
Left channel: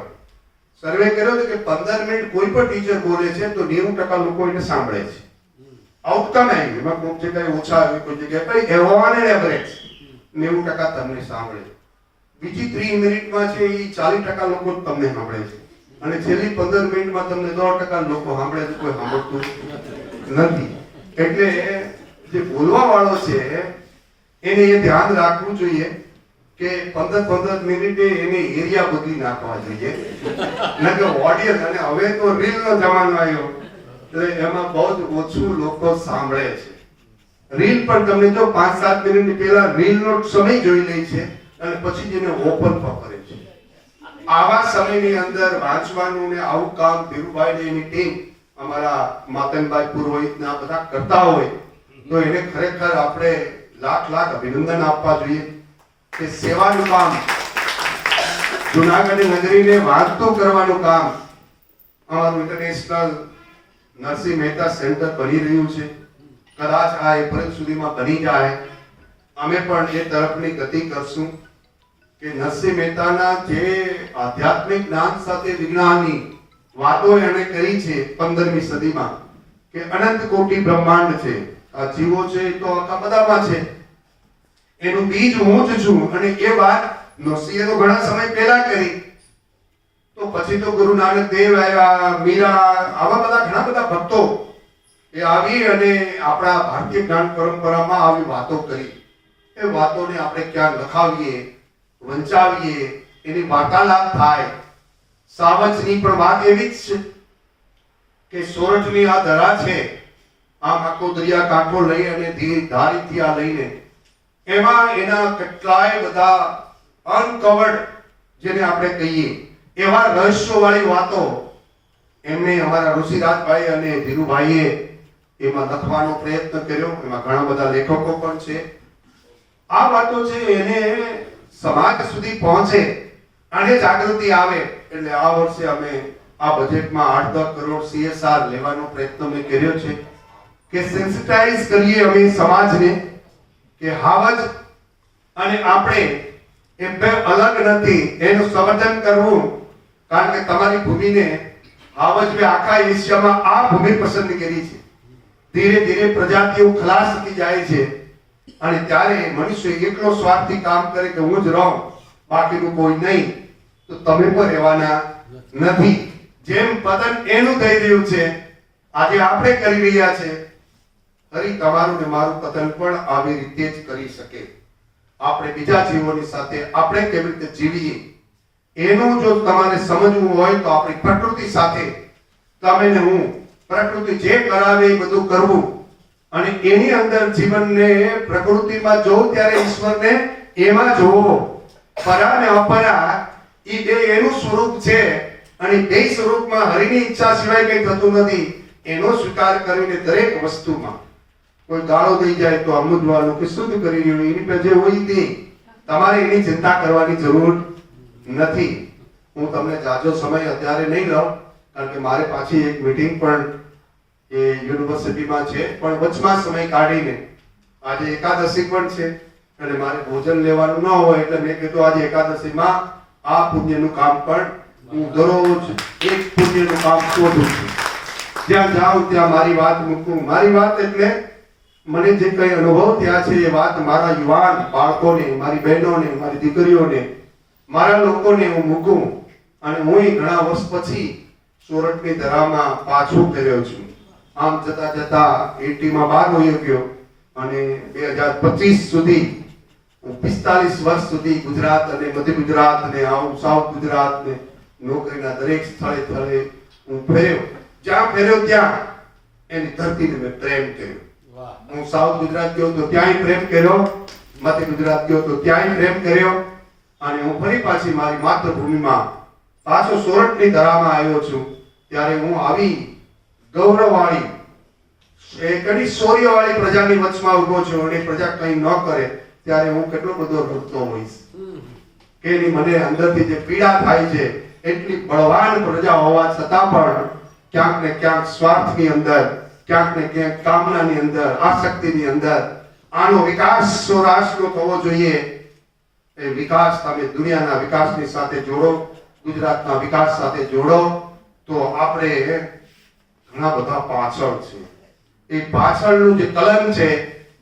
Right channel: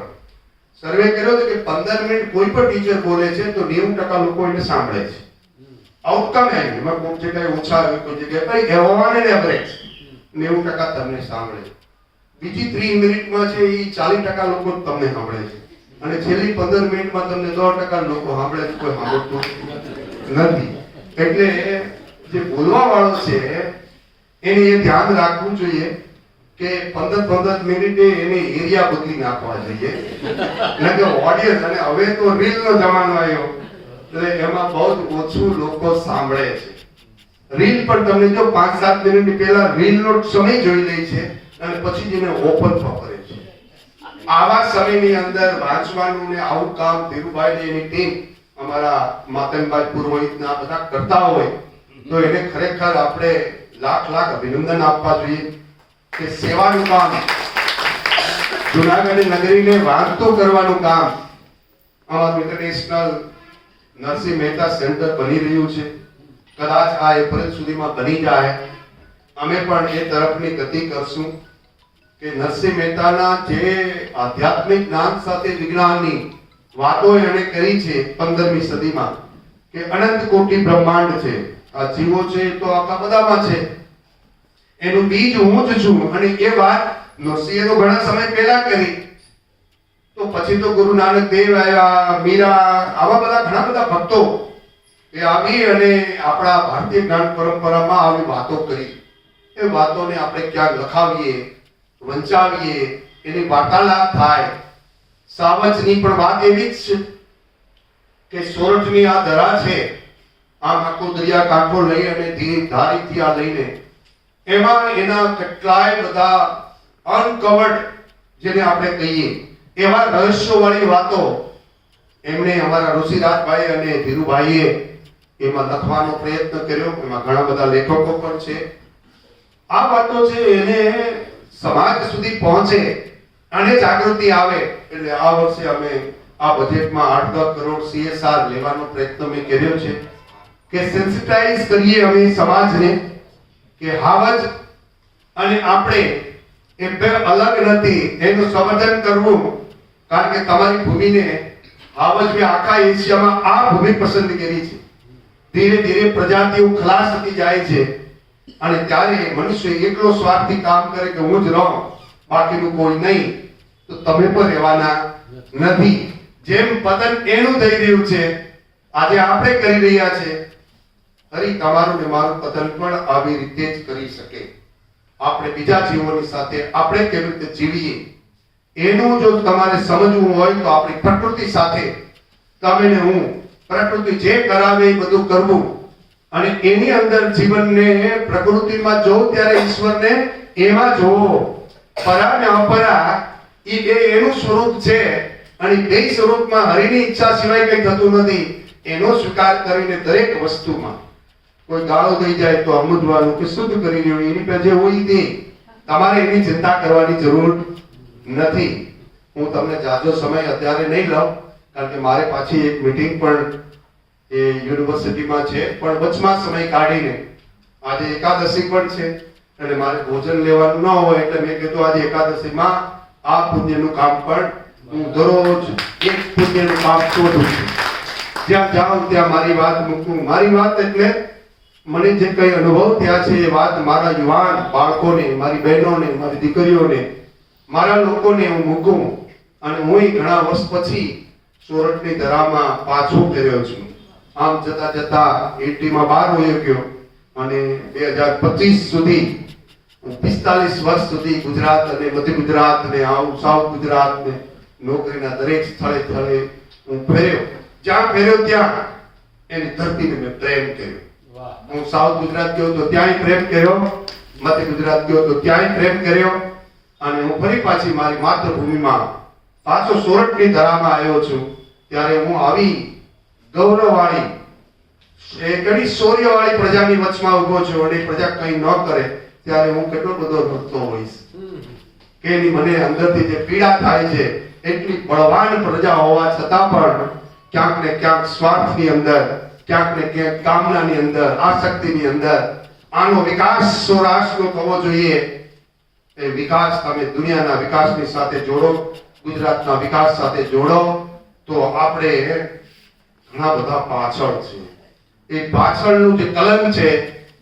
સર્વે કર્યો તો કે 15 મિનિટ કોઈ પણ ટીચર બોલે છે તો 90% લોકો એને સાંભળે છે. આઉટકમ આવ્યું, એમાં કોઈ જગ્યાએ ઓછા આવ્યું, કોઈ જગ્યાએ પણ ઓન એન એવરેજ 90% તમને સાંભળે. બીજી 30 મિનિટમાં છે એ 40% લોકો તમને સાંભળે છે, અને છેલ્લી 15 મિનિટમાં તમને 10% લોકો સાંભળે છે, કોઈ સાંભળતું નથી. એટલે જે બોલવા વાળો છે એને એ ધ્યાન રાખવું જોઈએ કે 15 મિનિટે એને એરિયા બદલી નાખવા જોઈએ, ન કે ઓડિયન્સ. અને હવે તો રીલનો જમાનો આવ્યો એટલે એમાં બહુ ઓછું લોકો સાંભળે છે. રીલ પણ તમને જો 5-7 મિનિટ પહેલા રીલનો સમય જોઈ લે છે અને પછી જ એને ઓપન કરે છે. આવા સમયની અંદર વાંચવાનું ને આવું કામ ધીરુભાઈ ની એની ટીમ, અમારા માતનભાઈ પુરોહિતના બધા કરતા હોય તો એને ખરેખર આપણે લાખ અભિનંદન આપવા જોઈએ કે સેવાનું કામ, જુનાગઢ નગરીને વાંચતો કરવાનું કામ અમારું ઇન્ટરનેશનલ નરસિંહ મહેતા સેન્ટર બની રહ્યું છે. કદાચ આ એપ્રિલ સુધીમાં બની જાય. અમે પણ એ તરફની ગતિ કરશું કે નરસિંહ મહેતાના જે આધ્યાત્મિક જ્ઞાન સાથે વિજ્ઞાનની વાતો એણે કરી છે 15મી સદીમાં કે અનંત કોટી બ્રહ્માંડ છે, આ જીવો છે તો આખા બધામાં છે, એનું બીજ હું જ છું. અને એ વાત નરસિંહે તો ઘણા સમય પહેલા કરી, તો પછી તો ગુરુ નાનક દેવ આવ્યા, મીરા, આવા બધા ઘણા બધા ભક્તો એ આવી અને આપણા ભારતીય જ્ઞાન પરંપરામાં આવી વાતો કરી. એ વાતોને આપણે ક્યાંક લખાવીએ, વંચાવીએ, એની વાર્તાલાપ થાય. સાવજની પણ વાત એવી જ છે કે સોરઠની આ દરા છે, આમ આખો દરિયા કાંઠો લઈ અને ધારીથી આ લઈને એમાં એના કેટલાય બધા અનકવર્ડ જેને આપણે કહીએ એવા રહસ્યોવાળી વાતો એમને અમારા ઋષિરાજભાઈ અને ધીરુભાઈએ એમાં લખવાનો પ્રયત્ન કર્યો. એમાં ઘણા બધા લેખકો પણ છે. આ વાતો છે એને સમાજ સુધી પહોંચે અને જાગૃતિ આવે. એટલે આ વર્ષે અમે આ બજેટમાં 8-10 કરોડ CSR લેવાનો પ્રયત્ન મેં કર્યો છે કે સેન્સિટાઇઝ કરીએ અમે સમાજને કે હાવજ અને આપણે એ બે અલગ નથી, એનું સંવર્ધન કરવું. કારણ કે તમારી ભૂમિને હાવજ આખા એશિયામાં આ ભૂમિ પસંદ કરી છે. ધીરે ધીરે પ્રજાતિઓ ખલાસ થતી જાય છે અને ત્યારે મનુષ્ય એકલો સ્વાર્થી કામ કરે કે હું જ રહું, બાકીનું કોઈ નહીં, તો તમે પણ રહેવાના નથી. જેમ પતન એનું થઈ રહ્યું છે આજે આપણે કરી રહ્યા છે, ફરી તમારું ને મારું પતન પણ આવી રીતે જ કરી શકે. આપણે બીજા જીવોની સાથે આપણે કેવી રીતે જીવીએ એનું જો તમારે સમજવું હોય તો આપણી પ્રકૃતિ સાથે તમે ને હું, પ્રકૃતિ જે કરાવે એ બધું કરવું. અને એની અંદર જીવનને પ્રકૃતિમાં જોવો ત્યારે ઈશ્વરને એમાં જોવો. પરા અને અપરા એ બે એનું સ્વરૂપ છે અને બે સ્વરૂપમાં હરિની ઈચ્છા સિવાય કંઈ થતું નથી. એનો સ્વીકાર કરીને દરેક વસ્તુમાં કોઈ ગાળો દઈ જાય તો અમુદવાનું કે શુદ્ધ કરી રહ્યો એની પાસે જે હોય તે તમારે એની ચિંતા કરવાની જરૂર નથી. હું તમને જાજો સમય અત્યારે નહીં લઉં કારણ કે મારે પાછી એક મીટિંગ પણ એ યુનિવર્સિટીમાં છે, પણ વચમાં સમય કાઢીને આજે એકાદશી પણ છે એટલે મારે ભોજન લેવાનું ન હોય એટલે મેં કીધું આજે એકાદશીમાં આ પુણ્યનું કામ પણ હું દરરોજ એક પુણ્યનું કામ શોધું છું. જ્યાં જાઉં ત્યાં મારી વાત મૂકું. મારી વાત એટલે મને જે કઈ અનુભવ થયા છે એ વાત મારા યુવાન બાળકોને, મારી બહેનોને, મારી દીકરીઓને, મારા લોકોને હું મૂકું. અને હું ઘણા વર્ષ પછી સોરઠની ધરામાં પાછો ફેર્યો છું. આમ જતા જતા 80માં બહાર વયો ગયો અને 2025 સુધી 45 વર્ષ સુધી ગુજરાત અને મધ્ય ગુજરાત ને સાઉથ ગુજરાત ને નોકરીના દરેક સ્થળે સ્થળે હું ફેર્યો. જ્યાં ફેર્યો ત્યાં એની ધરતીને મેં પ્રેમ કર્યો. હું સાઉથ ગુજરાત ગયો તો ત્યાંય પ્રેમ કર્યો, મધ્ય ગુજરાત ગયો તો ત્યાંય પ્રેમ કર્યો અને હું ફરી પાછી મારી માતૃભૂમિમાં પાછો સોરઠની ધરામાં આવ્યો છું. ત્યારે હું આવી ગૌરવવાળી ઘણી શૌર્યવાળી પ્રજાની વચમાં ઉભો છું અને પ્રજા કંઈ ન કરે ત્યારે હું કેટલો બધો ભક્તો હોઈશ કે એની મને અંદરથી જે પીડા થાય છે. એટલી બળવાન પ્રજા હોવા છતાં પણ ક્યાંક ને ક્યાંક સ્વાર્થની અંદર, ક્યાંક ને ક્યાંક કામનાની અંદર, આસક્તિની અંદર આનો વિકાસ સૌરાષ્ટ્રનો થવો જોઈએ. એ વિકાસ તમે દુનિયાના વિકાસની સાથે જોડો, ગુજરાતના વિકાસ સાથે જોડો તો આપણે ઘણા બધા પાછળ છે. એ પાછળનું જે કલમ છે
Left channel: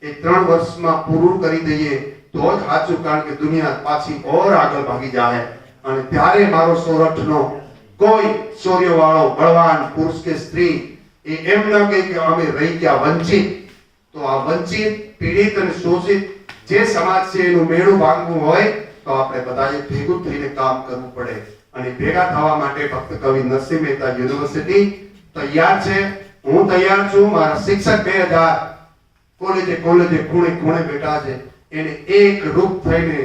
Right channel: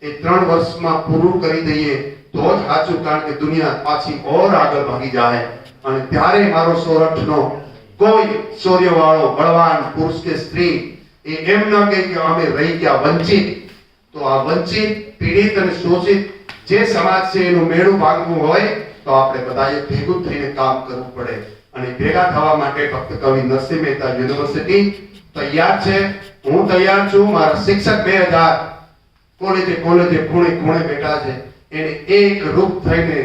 એ 3 વર્ષમાં પૂરું કરી દઈએ તો જ સાચું, કારણ કે દુનિયા પાછી ઓર આગળ ભાગી જાય અને ત્યારે મારો સોરઠનો કોઈ શૌર્યવાળો બળવાન પુરુષ કે સ્ત્રી એ એમ ન કહે કે અમે રહી ગયા વંચિત. તો આ વંચિત, પીડિત અને શોષિત જે સમાજ છે એનું મેળું ભાંગવું હોય તો આપણે બધાએ ભેગું થઈને કામ કરવું પડે. અને ભેગા થવા માટે ફક્ત કવિ નરસિંહ મહેતા યુનિવર્સિટી તૈયાર છે, હું તૈયાર છું. મારા શિક્ષક 2000 કોલેજે ખૂણે ખૂણે બેઠા છે. એને એક રૂપ થઈને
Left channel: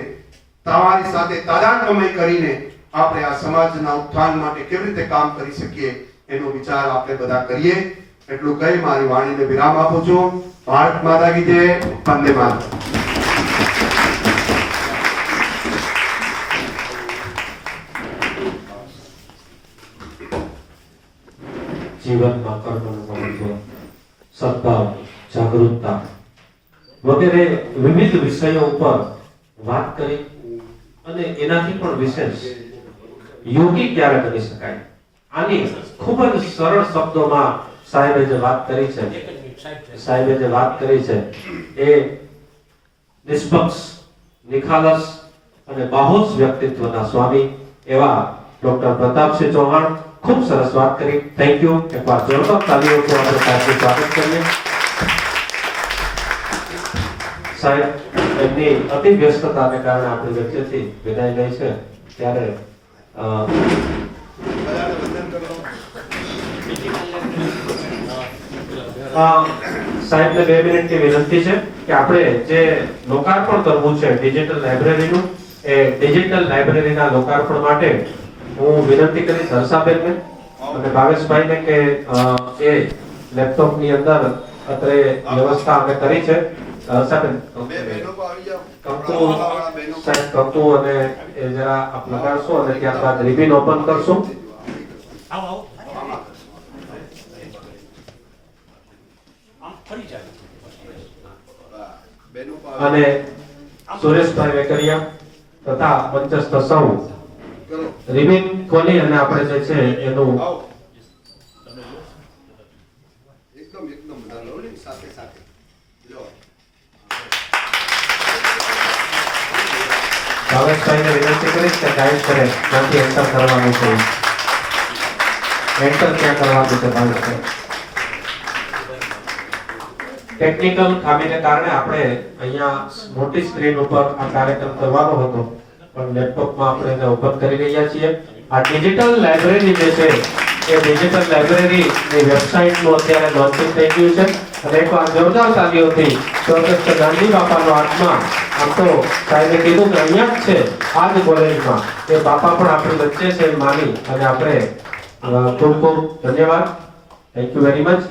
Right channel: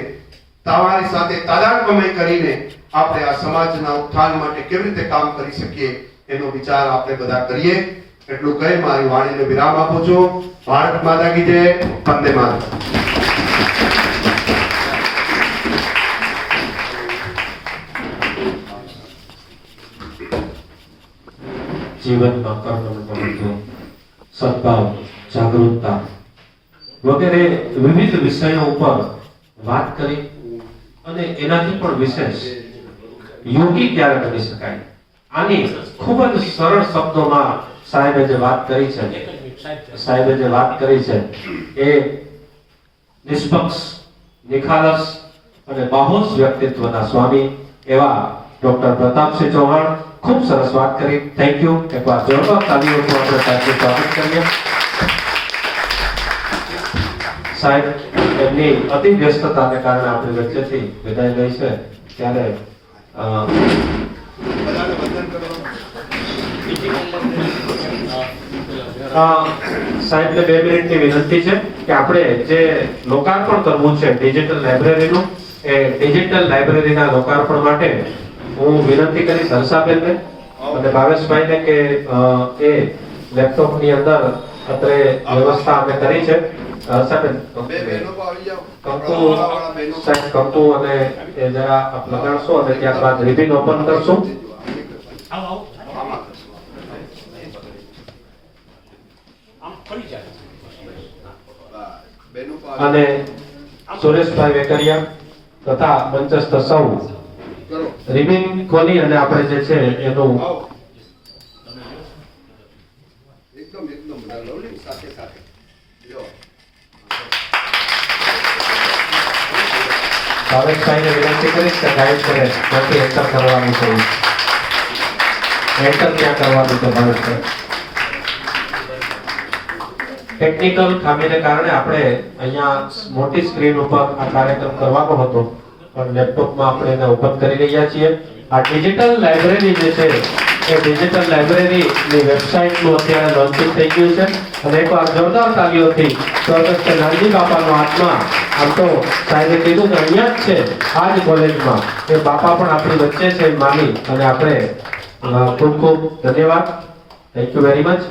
તમારી સાથે તાદાત્મ્ય કરીને આપણે આ સમાજના ઉત્થાન માટે કેવી રીતે કામ કરી શકીએ એનો વિચાર આપણે બધા કરીએ. એટલું કહી મારી વાણીને વિરામ આપું છું. ભારત માતા કી જય, વંદે માતરમ. જીવનમાં કર્મનું મહત્વ, સદભાવ, જાગૃતતા વગેરે વિવિધ વિષયો ઉપર વાત કરી અને એનાથી પણ વિશેષ યોગી ક્યારે બની શકાય આની ખૂબ જ સરળ શબ્દોમાં સાહેબે જે વાત કરી છે એ નિષ્પક્ષ, નિખાલસ અને બાહોશ વ્યક્તિત્વના સ્વામી એવા ડોક્ટર પ્રતાપસિંહ ચૌહાણ ખૂબ સરસ વાત કરી. Thank you. એકવાર જોરદાર તાલીઓથી આપણે સાહેબનું સ્વાગત કરીએ. સાહેબ એમની અતિ વ્યસ્તતાને કારણે આપણી વચ્ચેથી વિદાય લે છે ત્યારે સાહેબને 2 મિનિટની વિનંતી છે કે આપણે જે લોકાર્પણ કરવું છે ડિજિટલ લાઇબ્રેરીનું, એ ડિજિટલ લાઇબ્રેરીના લોકાર્પણ માટે હું વિનંતી કરીશ હર્ષાબેનને અને ભાવેશભાઈને કે એ લેપટોપની અંદર અત્રે વ્યવસ્થા અમે કરી છે. હર્ષાબેન કંકુ અને એ જરા આપ લગાડશો અને ત્યારબાદ રિબિન ઓપન કરશું. અને સુરેશભાઈ વેકરિયા તથા મંચસ્થ સૌ રિબિન ખોલી અને આપણે જે છે એનું એકદમ બધા લવલી સાથે સાથે જો ભાવેશભાઈને વિનંતી કરીશ કે ગાઈડ કરે ત્યાંથી એન્ટર કરવાનું છે. એન્ટર ક્યાં કરવાનું છે ભાવેશભાઈ? ટેકનિકલ ખામીને કારણે આપણે અહીંયા મોટી સ્ક્રીન ઉપર આ કાર્યક્રમ કરવાનો હતો પણ લેપટોપમાં આપણે એને ઓપન કરી રહ્યા છીએ. આ ડિજિટલ લાઇબ્રેરી જે છે એ ડિજિટલ લાઇબ્રેરીની વેબસાઇટનું અત્યારે લોન્ચિંગ થઈ ગયું છે અને એકવાર જોરદાર તાલીઓથી સ્વર્ગસ્થ કે નાનજી બાપાનો આત્મા આમ તો સાહેબે કીધું કે અહીંયા જ છે આ જ કોલેજમાં એ બાપા પણ આપણી વચ્ચે છે એમ માની અને આપણે ખૂબ ખૂબ ધન્યવાદ થેન્ક યુ વેરી મચ